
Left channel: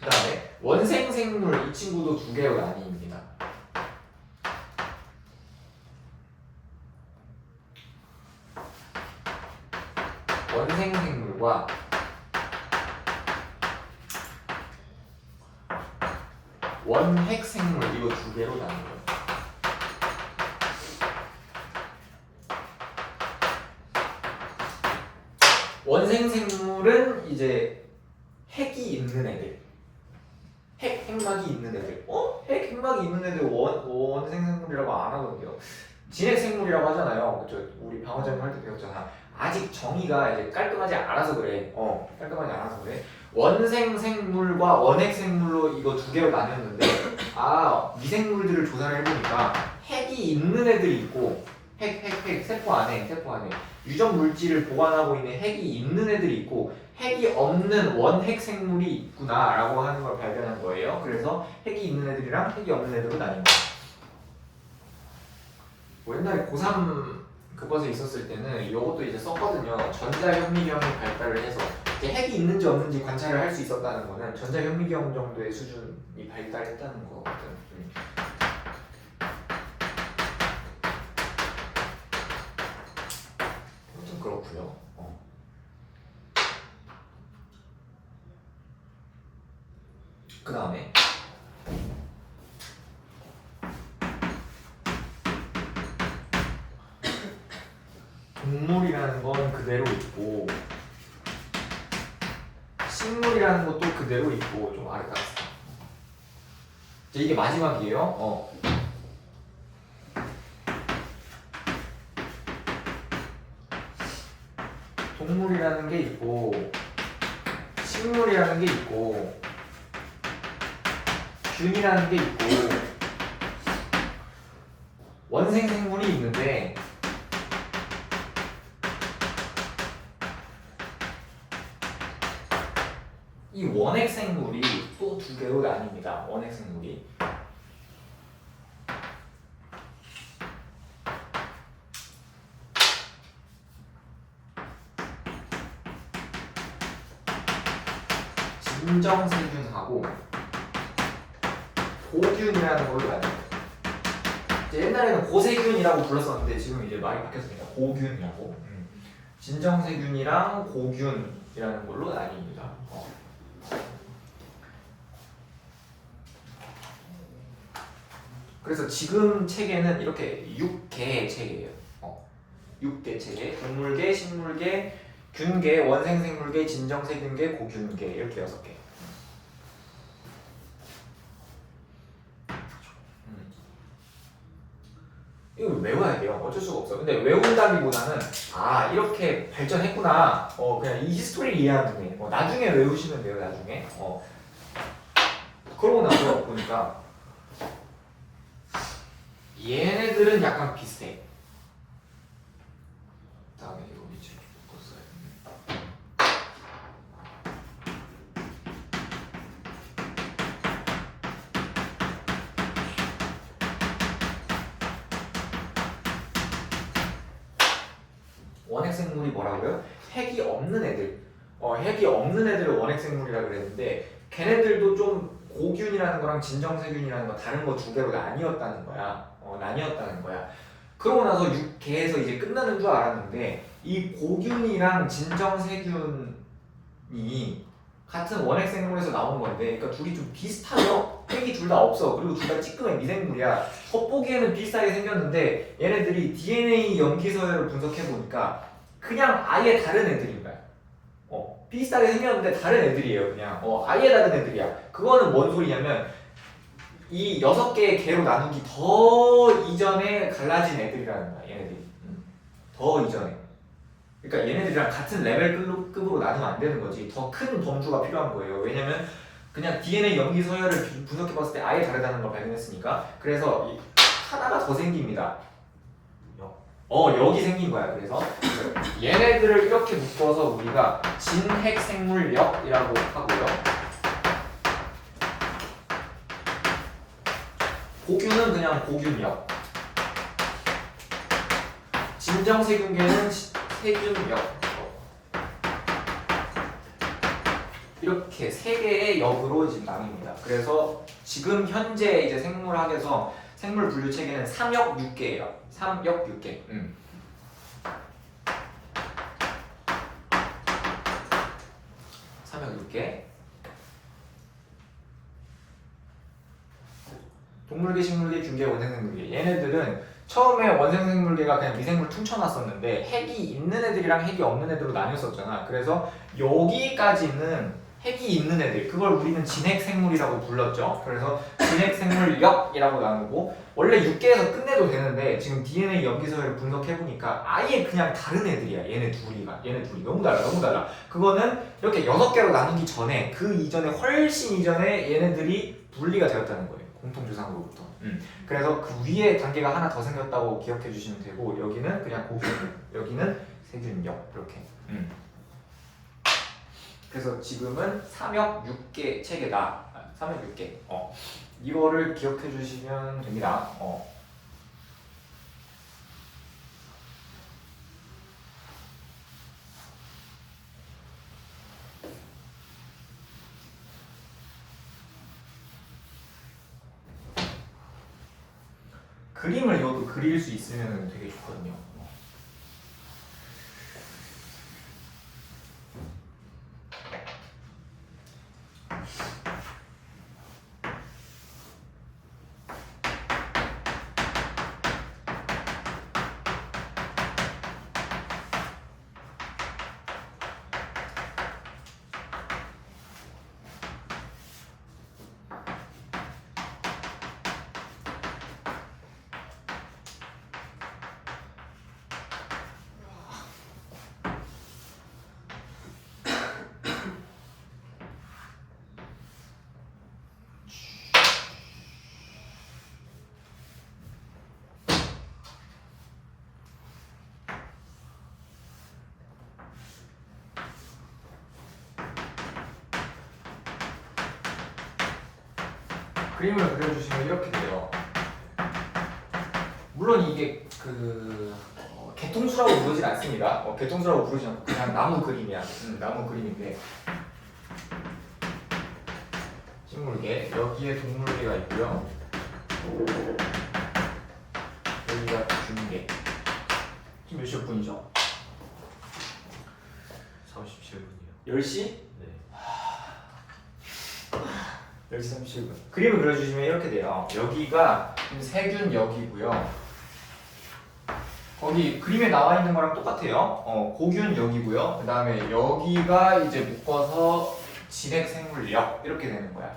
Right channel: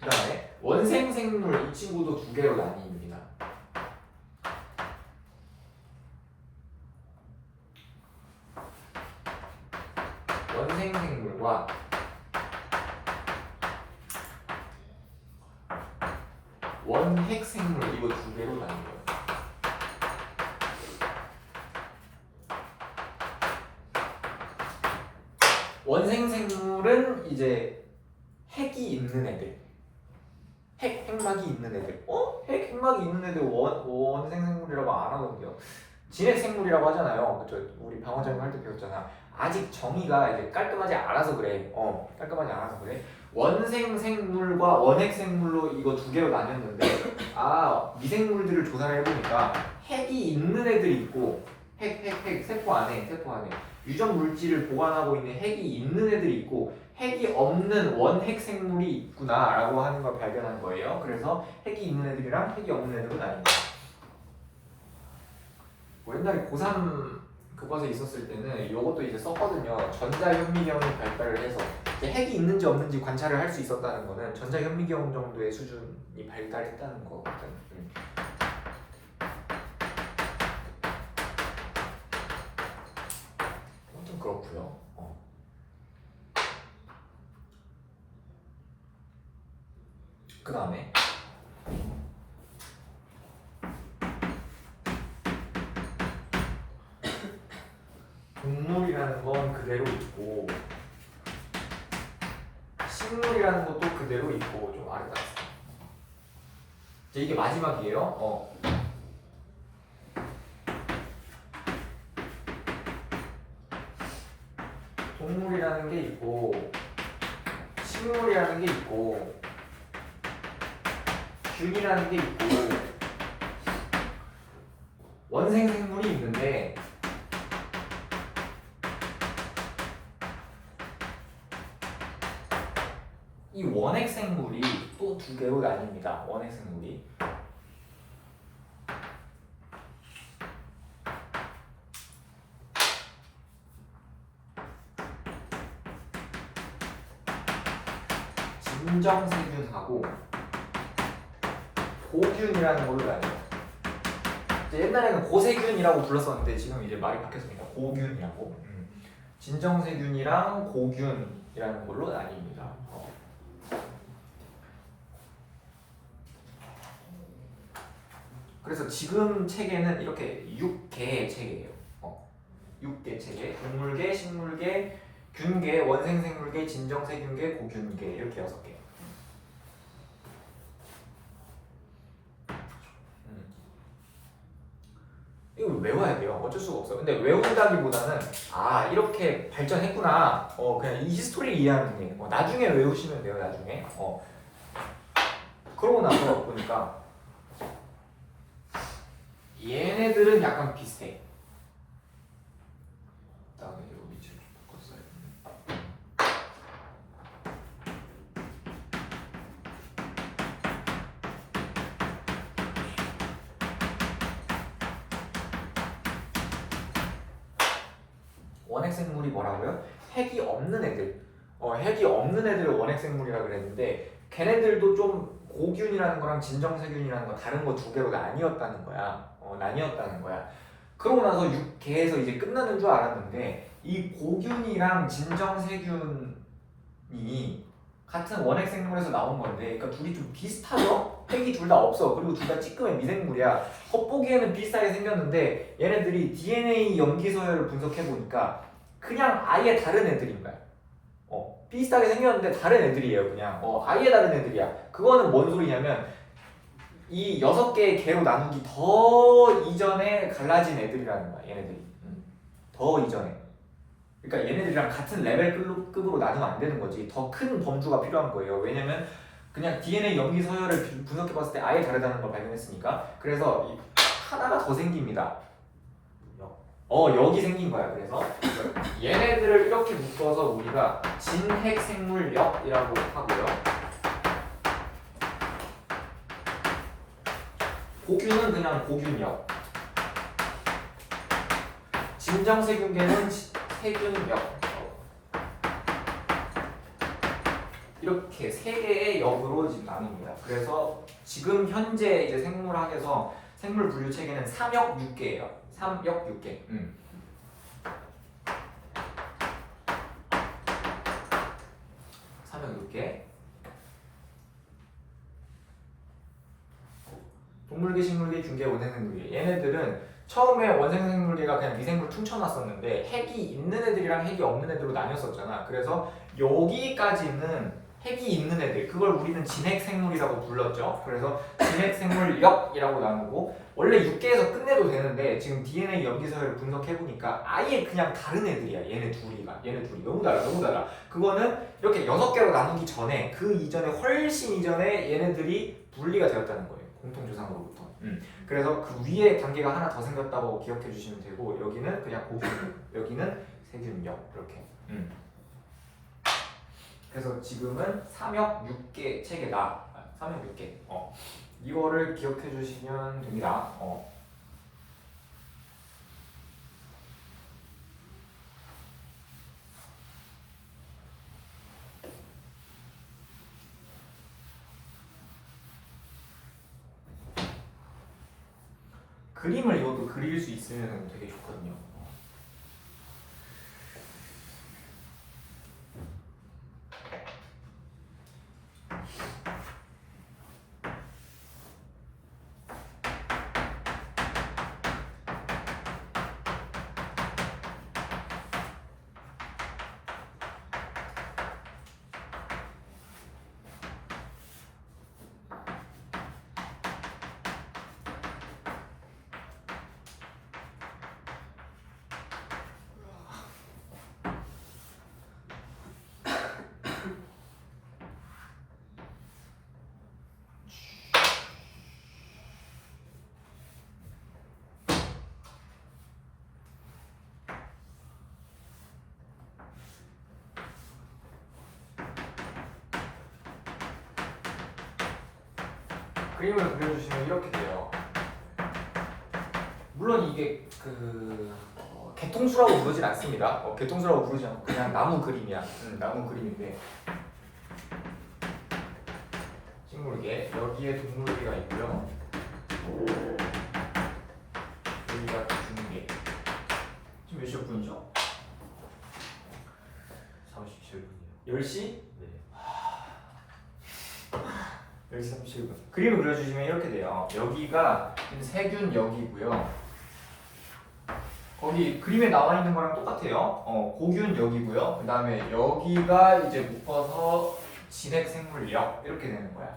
그 다음에 원생생물 이 친구도 두 개로 나뉩니다. 원생생물과 원핵생물 이거 두 개로 나뉘어요. 원생생물은 이제 핵이 있는 애들, 핵막이 있는 애들. 핵막이 있는 애들 원생생물이라고 안 하거든요. 진핵생물이라고 하잖아요. 그쵸? 우리 방어장님 할 때 배웠잖아. 아직 정의가 이제 깔끔하지 않아서 그래. 깔끔하지 않아서 그래. 원생생물과 원핵생물로 이거 두 개로 나뉘었는데 미생물들을 조사를 해보니까 핵이 있는 애들이 있고 핵 세포 안에 유전 물질을 보관하고 있는 핵이 있는 애들이 있고 핵이 없는 원핵생물이 있구나라고 하는 걸 발견한 거예요. 그래서 핵이 있는 애들이랑 핵이 없는 애들로 나뉜다. 옛날에 고3 교과서에 있었을 때는 이것도 이제 썼거든요. 전자현미경이 발달을 해서 핵이 있는지 없는지 관찰을 할 수 있었다는 거는 전자현미경 정도의 수준이 발달했다는 거거든. 아무튼 그렇고요. 그 다음에 동물이라는 건 그대로 있고 식물이라는 것도 그대로 있고 좀 아래가 있어. 이제 이게 마지막이에요. 동물이라는 게 있고 식물이라는 게 있고 균이라는 게 있고 원생생물이 있는데 이 원핵생물이 또 두 개로 나뉩니다. 원핵생물이 진정세균하고 고균이라는 걸로 나뉘어요. 옛날에는 고세균이라고 불렀었는데 지금 이제 말이 바뀌었으니까 고균이라고. 진정세균이랑 고균이라는 걸로 나뉩니다. 그래서 지금 책에는 이렇게 6개의 책이에요. 6개 체계, 동물계, 식물계, 균계, 원생생물계, 진정세균계, 고균계 이렇게 6개. 이거 외워야 돼요. 어쩔 수가 없어. 근데 외운다기보다는 이렇게 발전했구나. 그냥 이 히스토리를 이해하는 게 나중에 외우시면 돼요. 나중에. 그러고 나서 보니까 얘네들은 약간 비슷해. 그다음에 이거 밑으로 바꿨어요. 원핵생물이 뭐라고요? 핵이 없는 애들. 핵이 없는 애들을 원핵생물이라 그랬는데 걔네들도 좀 고균이라는 거랑 진정세균이라는 거 다른 거 두 개로 나뉘었다는 거야. 나뉘었다는 거야. 그러고 나서 6개에서 이제 끝나는 줄 알았는데 이 고균이랑 진정세균이 같은 원핵 생물에서 나온 건데, 그러니까 둘이 좀 비슷하죠? 핵이 둘 다 없어. 그리고 둘 다 찌끄면 미생물이야. 겉보기에는 비슷하게 생겼는데 얘네들이 DNA 염기 서열을 분석해 보니까 그냥 아예 다른 애들인 거야. 비슷하게 생겼는데 다른 애들이에요. 그냥 아예 다른 애들이야. 그거는 뭔 소리냐면 이 6개의 개로 나누기 더 이전에 갈라진 애들이라는 거야. 얘네들이 더 이전에. 그러니까 얘네들이랑 같은 레벨급으로 나누면 안 되는 거지. 더 큰 범주가 필요한 거예요. 왜냐면 그냥 DNA 염기 서열을 분석해 봤을 때 아예 다르다는 걸 발견했으니까. 그래서 하나가 더 생깁니다. 여기 생긴 거야. 그래서 얘네들을 이렇게 묶어서 우리가 진핵생물역이라고 하고요. 고균은 그냥 고균역. 진정세균계는 세균역. 이렇게 세 개의 역으로 지금 나눕니다. 그래서 지금 현재 이제 생물학에서 생물 분류 체계는 3역 6개예요. 3역 6개. 3역 6개. 동물계, 식물계, 균계, 원생생물계. 얘네들은 처음에 원생생물계가 그냥 미생물 퉁쳐놨었는데 핵이 있는 애들이랑 핵이 없는 애들로 나뉘었었잖아. 그래서 여기까지는 핵이 있는 애들, 그걸 우리는 진핵생물이라고 불렀죠. 그래서 진핵생물역이라고 나누고, 원래 6개에서 끝내도 되는데 지금 DNA 염기서열을 분석해보니까 아예 그냥 다른 애들이야. 얘네 둘이 너무 달라. 그거는 이렇게 6개로 나누기 전에, 그 이전에 훨씬 이전에 얘네들이 분리가 되었다는 거예요. 공통조상으로부터. 그래서 그 위에 단계가 하나 더 생겼다고 기억해 주시면 되고, 여기는 그냥 고균, 여기는 세균역 이렇게. 그래서 지금은 3역 6개 체계다. 3역 6개. 이거를 기억해 주시면 됩니다. 그림을 이것도 그릴 수 있으면 되게 좋거든요. 그림을 그려주시면 이렇게 돼요. 물론 이게 개통수라고 부르진 않습니다. 개통수라고 부르지 않고 그냥 나무 그림이야. 나무 그림인데, 식물계, 여기에 동물계가 있고요. 여기가 균계. 지금 몇 시 몇 분이죠? 37분이요. 10시? 네. 10시 37분. 그림을 그려주시면 이렇게 돼요. 여기가 세균역이고요. 거기 그림에 나와 있는 거랑 똑같아요. 고균역이고요. 그 다음에 여기가 이제 묶어서 진핵생물역 이렇게 되는 거야.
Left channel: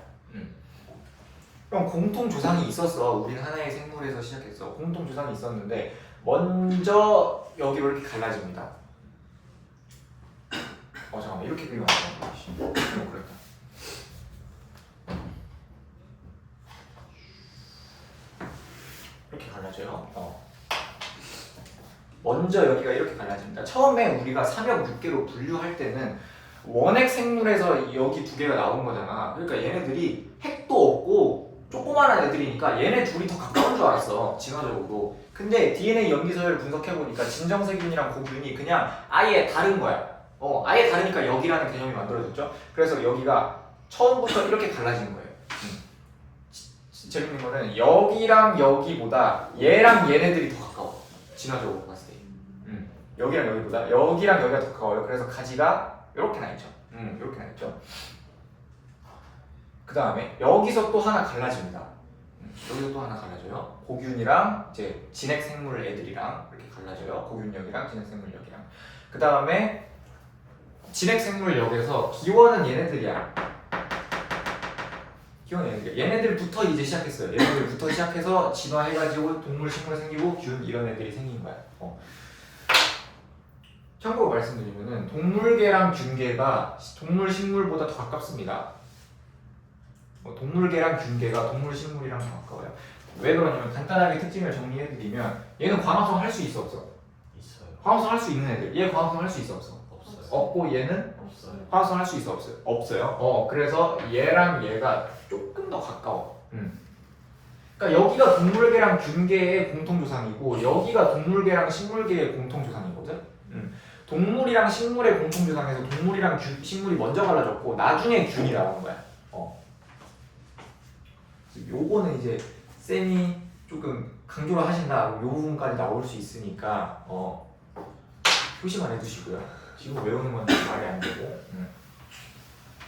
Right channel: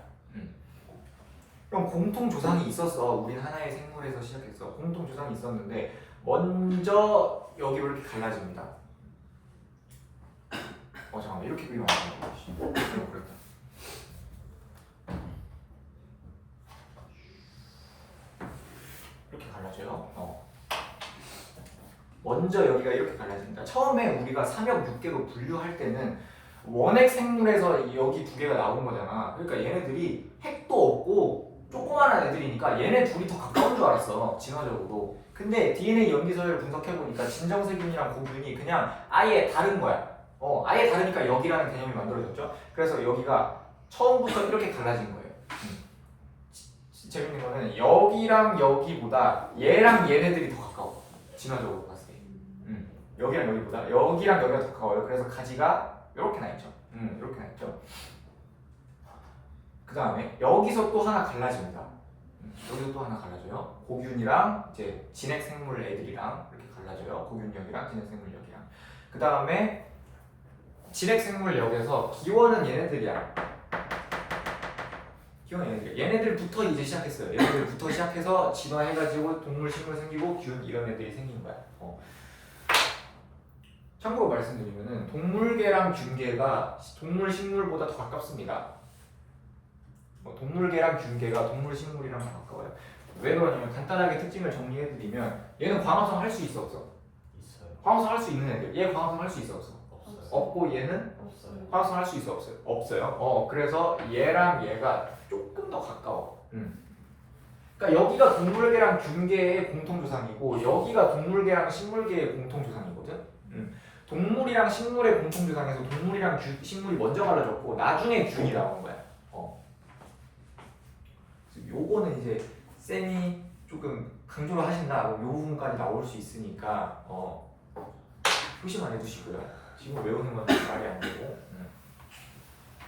그럼 공통 조상이 있었어. 우린 하나의 생물에서 시작했어. 공통 조상이 있었는데 먼저 여기로 이렇게 갈라집니다. 잠깐만, 이렇게 그리면 안 돼. 그렇다. 이렇게 갈라져요. 먼저 여기가 이렇게 갈라집니다. 처음에 우리가 3역 6개로 분류할 때는 원핵 생물에서 여기 두 개가 나온 거잖아. 그러니까 얘네들이 핵도 없고 조그만한 애들이니까 얘네 둘이 더 가까운 줄 알았어, 진화적으로. 근데 DNA 염기서열을 분석해보니까 진정세균이랑 고균이 그냥 아예 다른 거야. 아예 다르니까 역이라는 개념이 만들어졌죠. 그래서 여기가 처음부터 이렇게 달라지는 거예요. 재밌는 거는 여기랑 여기보다 얘랑 얘네들이 더 가까워. 진화적으로 봤을 때. 여기랑 여기보다 여기랑 여기가 더 가까워요. 그래서 가지가 이렇게 나 있죠. 이렇게 나 있죠. 그 다음에 여기서 또 하나 갈라집니다. 여기서 또 하나 갈라져요. 고균이랑 이제 진핵 생물 애들이랑 이렇게 갈라져요. 고균력이랑 진핵 생물력이랑. 그 다음에 진핵 생물력에서 기원은 얘네들이야. 기원은 얘네들. 얘네들부터 이제 시작했어요. 얘네들부터 시작해서 진화해가지고 동물, 식물 생기고 균 이런 애들이 생긴 거야. 참고로 말씀드리면은 동물계랑 균계가 동물, 식물보다 더 가깝습니다. 동물계랑 균계가 동물, 식물이랑 더 가까워요. 왜 그러냐면 간단하게 특징을 정리해드리면 얘는 광합성 할 수 있어 없어? 있어요. 광합성 할 수 있는 애들. 얘 광합성 할 수 있어 없어? 없어요. 없고 얘는 없어요. 광합성 할 수 있어 없어요? 없어요. 그래서 얘랑 얘가 조금 더 가까워. 그러니까 여기가 동물계랑 균계의 공통조상이고 여기가 동물계랑 식물계의 공통조상이거든. 동물이랑 식물의 공통조상에서 동물이랑 식물이 먼저 갈라졌고 나중에 균이 나온 거야. 요거는 이제 쌤이 조금 강조를 하신다. 요 부분까지 나올 수 있으니까 표시만 해두시고요. 지금 외우는 건 말이 안 되고.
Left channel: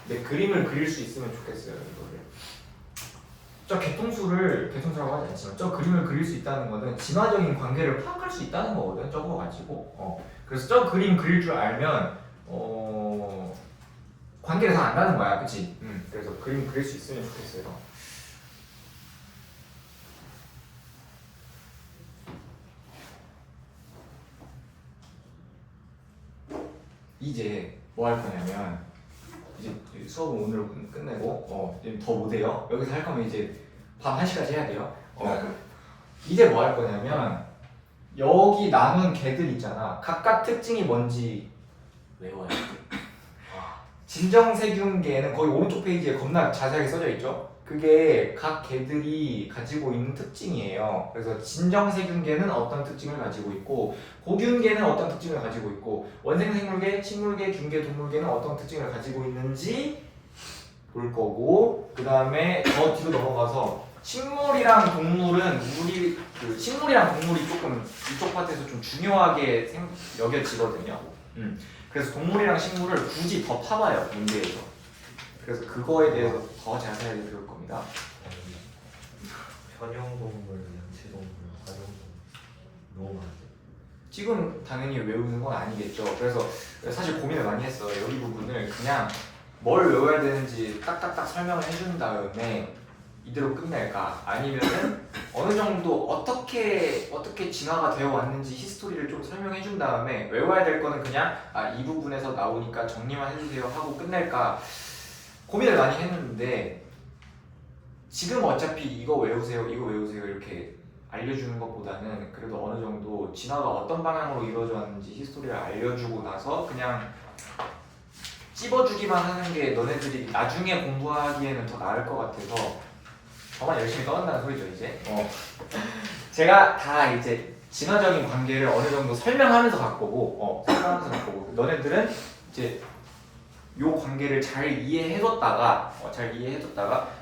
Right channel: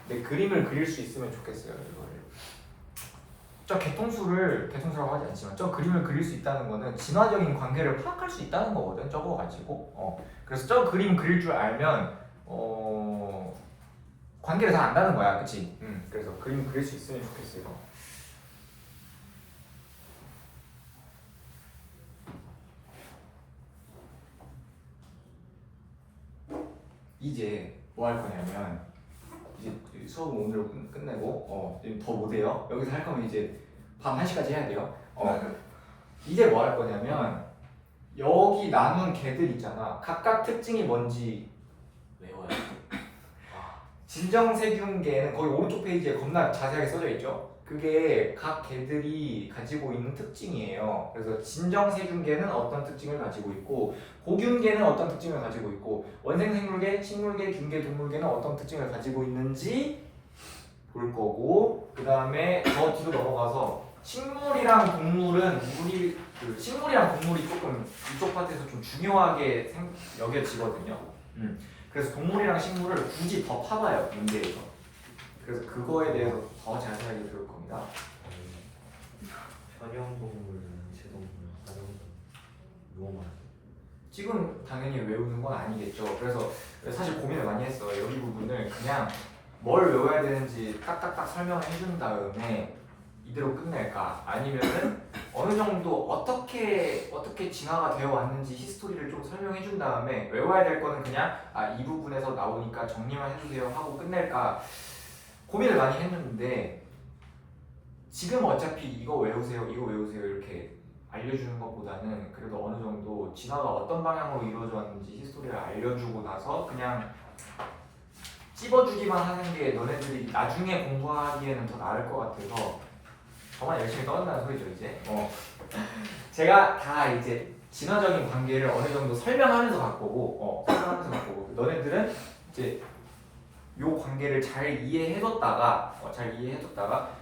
근데 그림을 그릴 수 있으면 좋겠어요. 이거를. 저 개통수라고 하지 않지만 저 그림을 그릴 수 있다는 거는 진화적인 관계를 파악할 수 있다는 거거든. 저거 가지고. 그래서 저 그림 그릴 줄 알면 관계를 다 안다는 거야, 그치? 그래서 그림 그릴 수 있으면 좋겠어요. 이제 뭐 할 거냐면 이제 수업은 오늘 끝내고 이제 더 못해요. 여기서 할 거면 이제 밤 1시까지 해야 돼요. 이제 뭐 할 거냐면 여기 남은 개들 있잖아. 각각 특징이 뭔지 외워야 돼. 진정세균계는 거기 오른쪽 페이지에 겁나 자세하게 써져 있죠. 그게 각 개들이 가지고 있는 특징이에요. 그래서 진정세균계는 어떤 특징을 가지고 있고 고균계는 어떤 특징을 가지고 있고 원생생물계, 식물계, 균계, 동물계는 어떤 특징을 가지고 있는지 볼 거고 그 다음에 더 뒤로 넘어가서 식물이랑 동물은 식물이랑 동물이 조금 이쪽 파트에서 좀 중요하게 여겨지거든요. 그래서 동물이랑 식물을 굳이 더 파봐요, 문제에서. 그래서 그거에 대해서 더 자세하게 배울 겁니다. 현형동물, 양치동물, 관형동물 너무 많아요. 지금 당연히 외우는 건 아니겠죠. 그래서 사실 고민을 많이 했어요. 여기 부분을 그냥 뭘 외워야 되는지 딱딱딱 설명을 해준 다음에 이대로 끝낼까? 아니면은 어느 정도 어떻게 진화가 되어 왔는지 히스토리를 좀 설명해 준 다음에 외워야 될 거는 그냥 이 부분에서 나오니까 정리만 해주세요 하고 끝낼까 고민을 많이 했는데 지금 어차피 이거 외우세요 이렇게 알려주는 것보다는 그래도 어느 정도 진화가 어떤 방향으로 이루어져 왔는지 히스토리를 알려주고 나서 그냥 찝어주기만 하는 게 너네들이 나중에 공부하기에는 더 나을 것 같아서 저만 열심히 떠든다는 소리죠 이제. 제가 다 이제 진화적인 관계를 어느 정도 설명하면서 갈 거고, 너네들은 이제 요 관계를 잘 이해해뒀다가,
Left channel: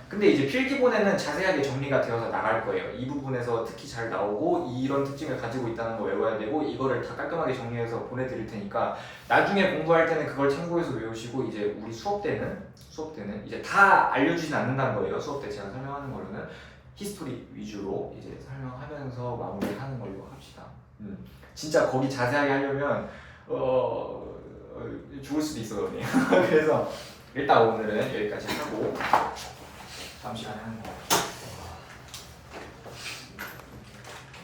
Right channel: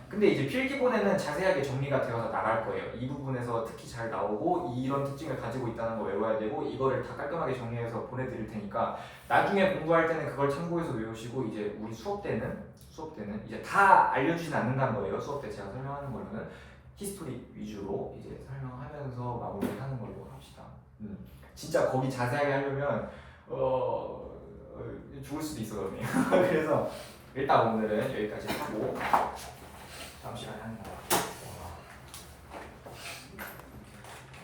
근데 이제 필기본에는 자세하게 정리가 되어서 나갈 거예요. 이 부분에서 특히 잘 나오고 이런 특징을 가지고 있다는 거 외워야 되고 이거를 다 깔끔하게 정리해서 보내드릴 테니까 나중에 공부할 때는 그걸 참고해서 외우시고 이제 우리 수업 때는 이제 다 알려주진 않는다는 거예요. 수업 때 제가 설명하는 거는 히스토리 위주로 이제 설명하면서 마무리하는 걸로 합시다. 진짜 거기 자세하게 하려면 죽을 수도 있어. 그래서 일단 오늘은 여기까지 하고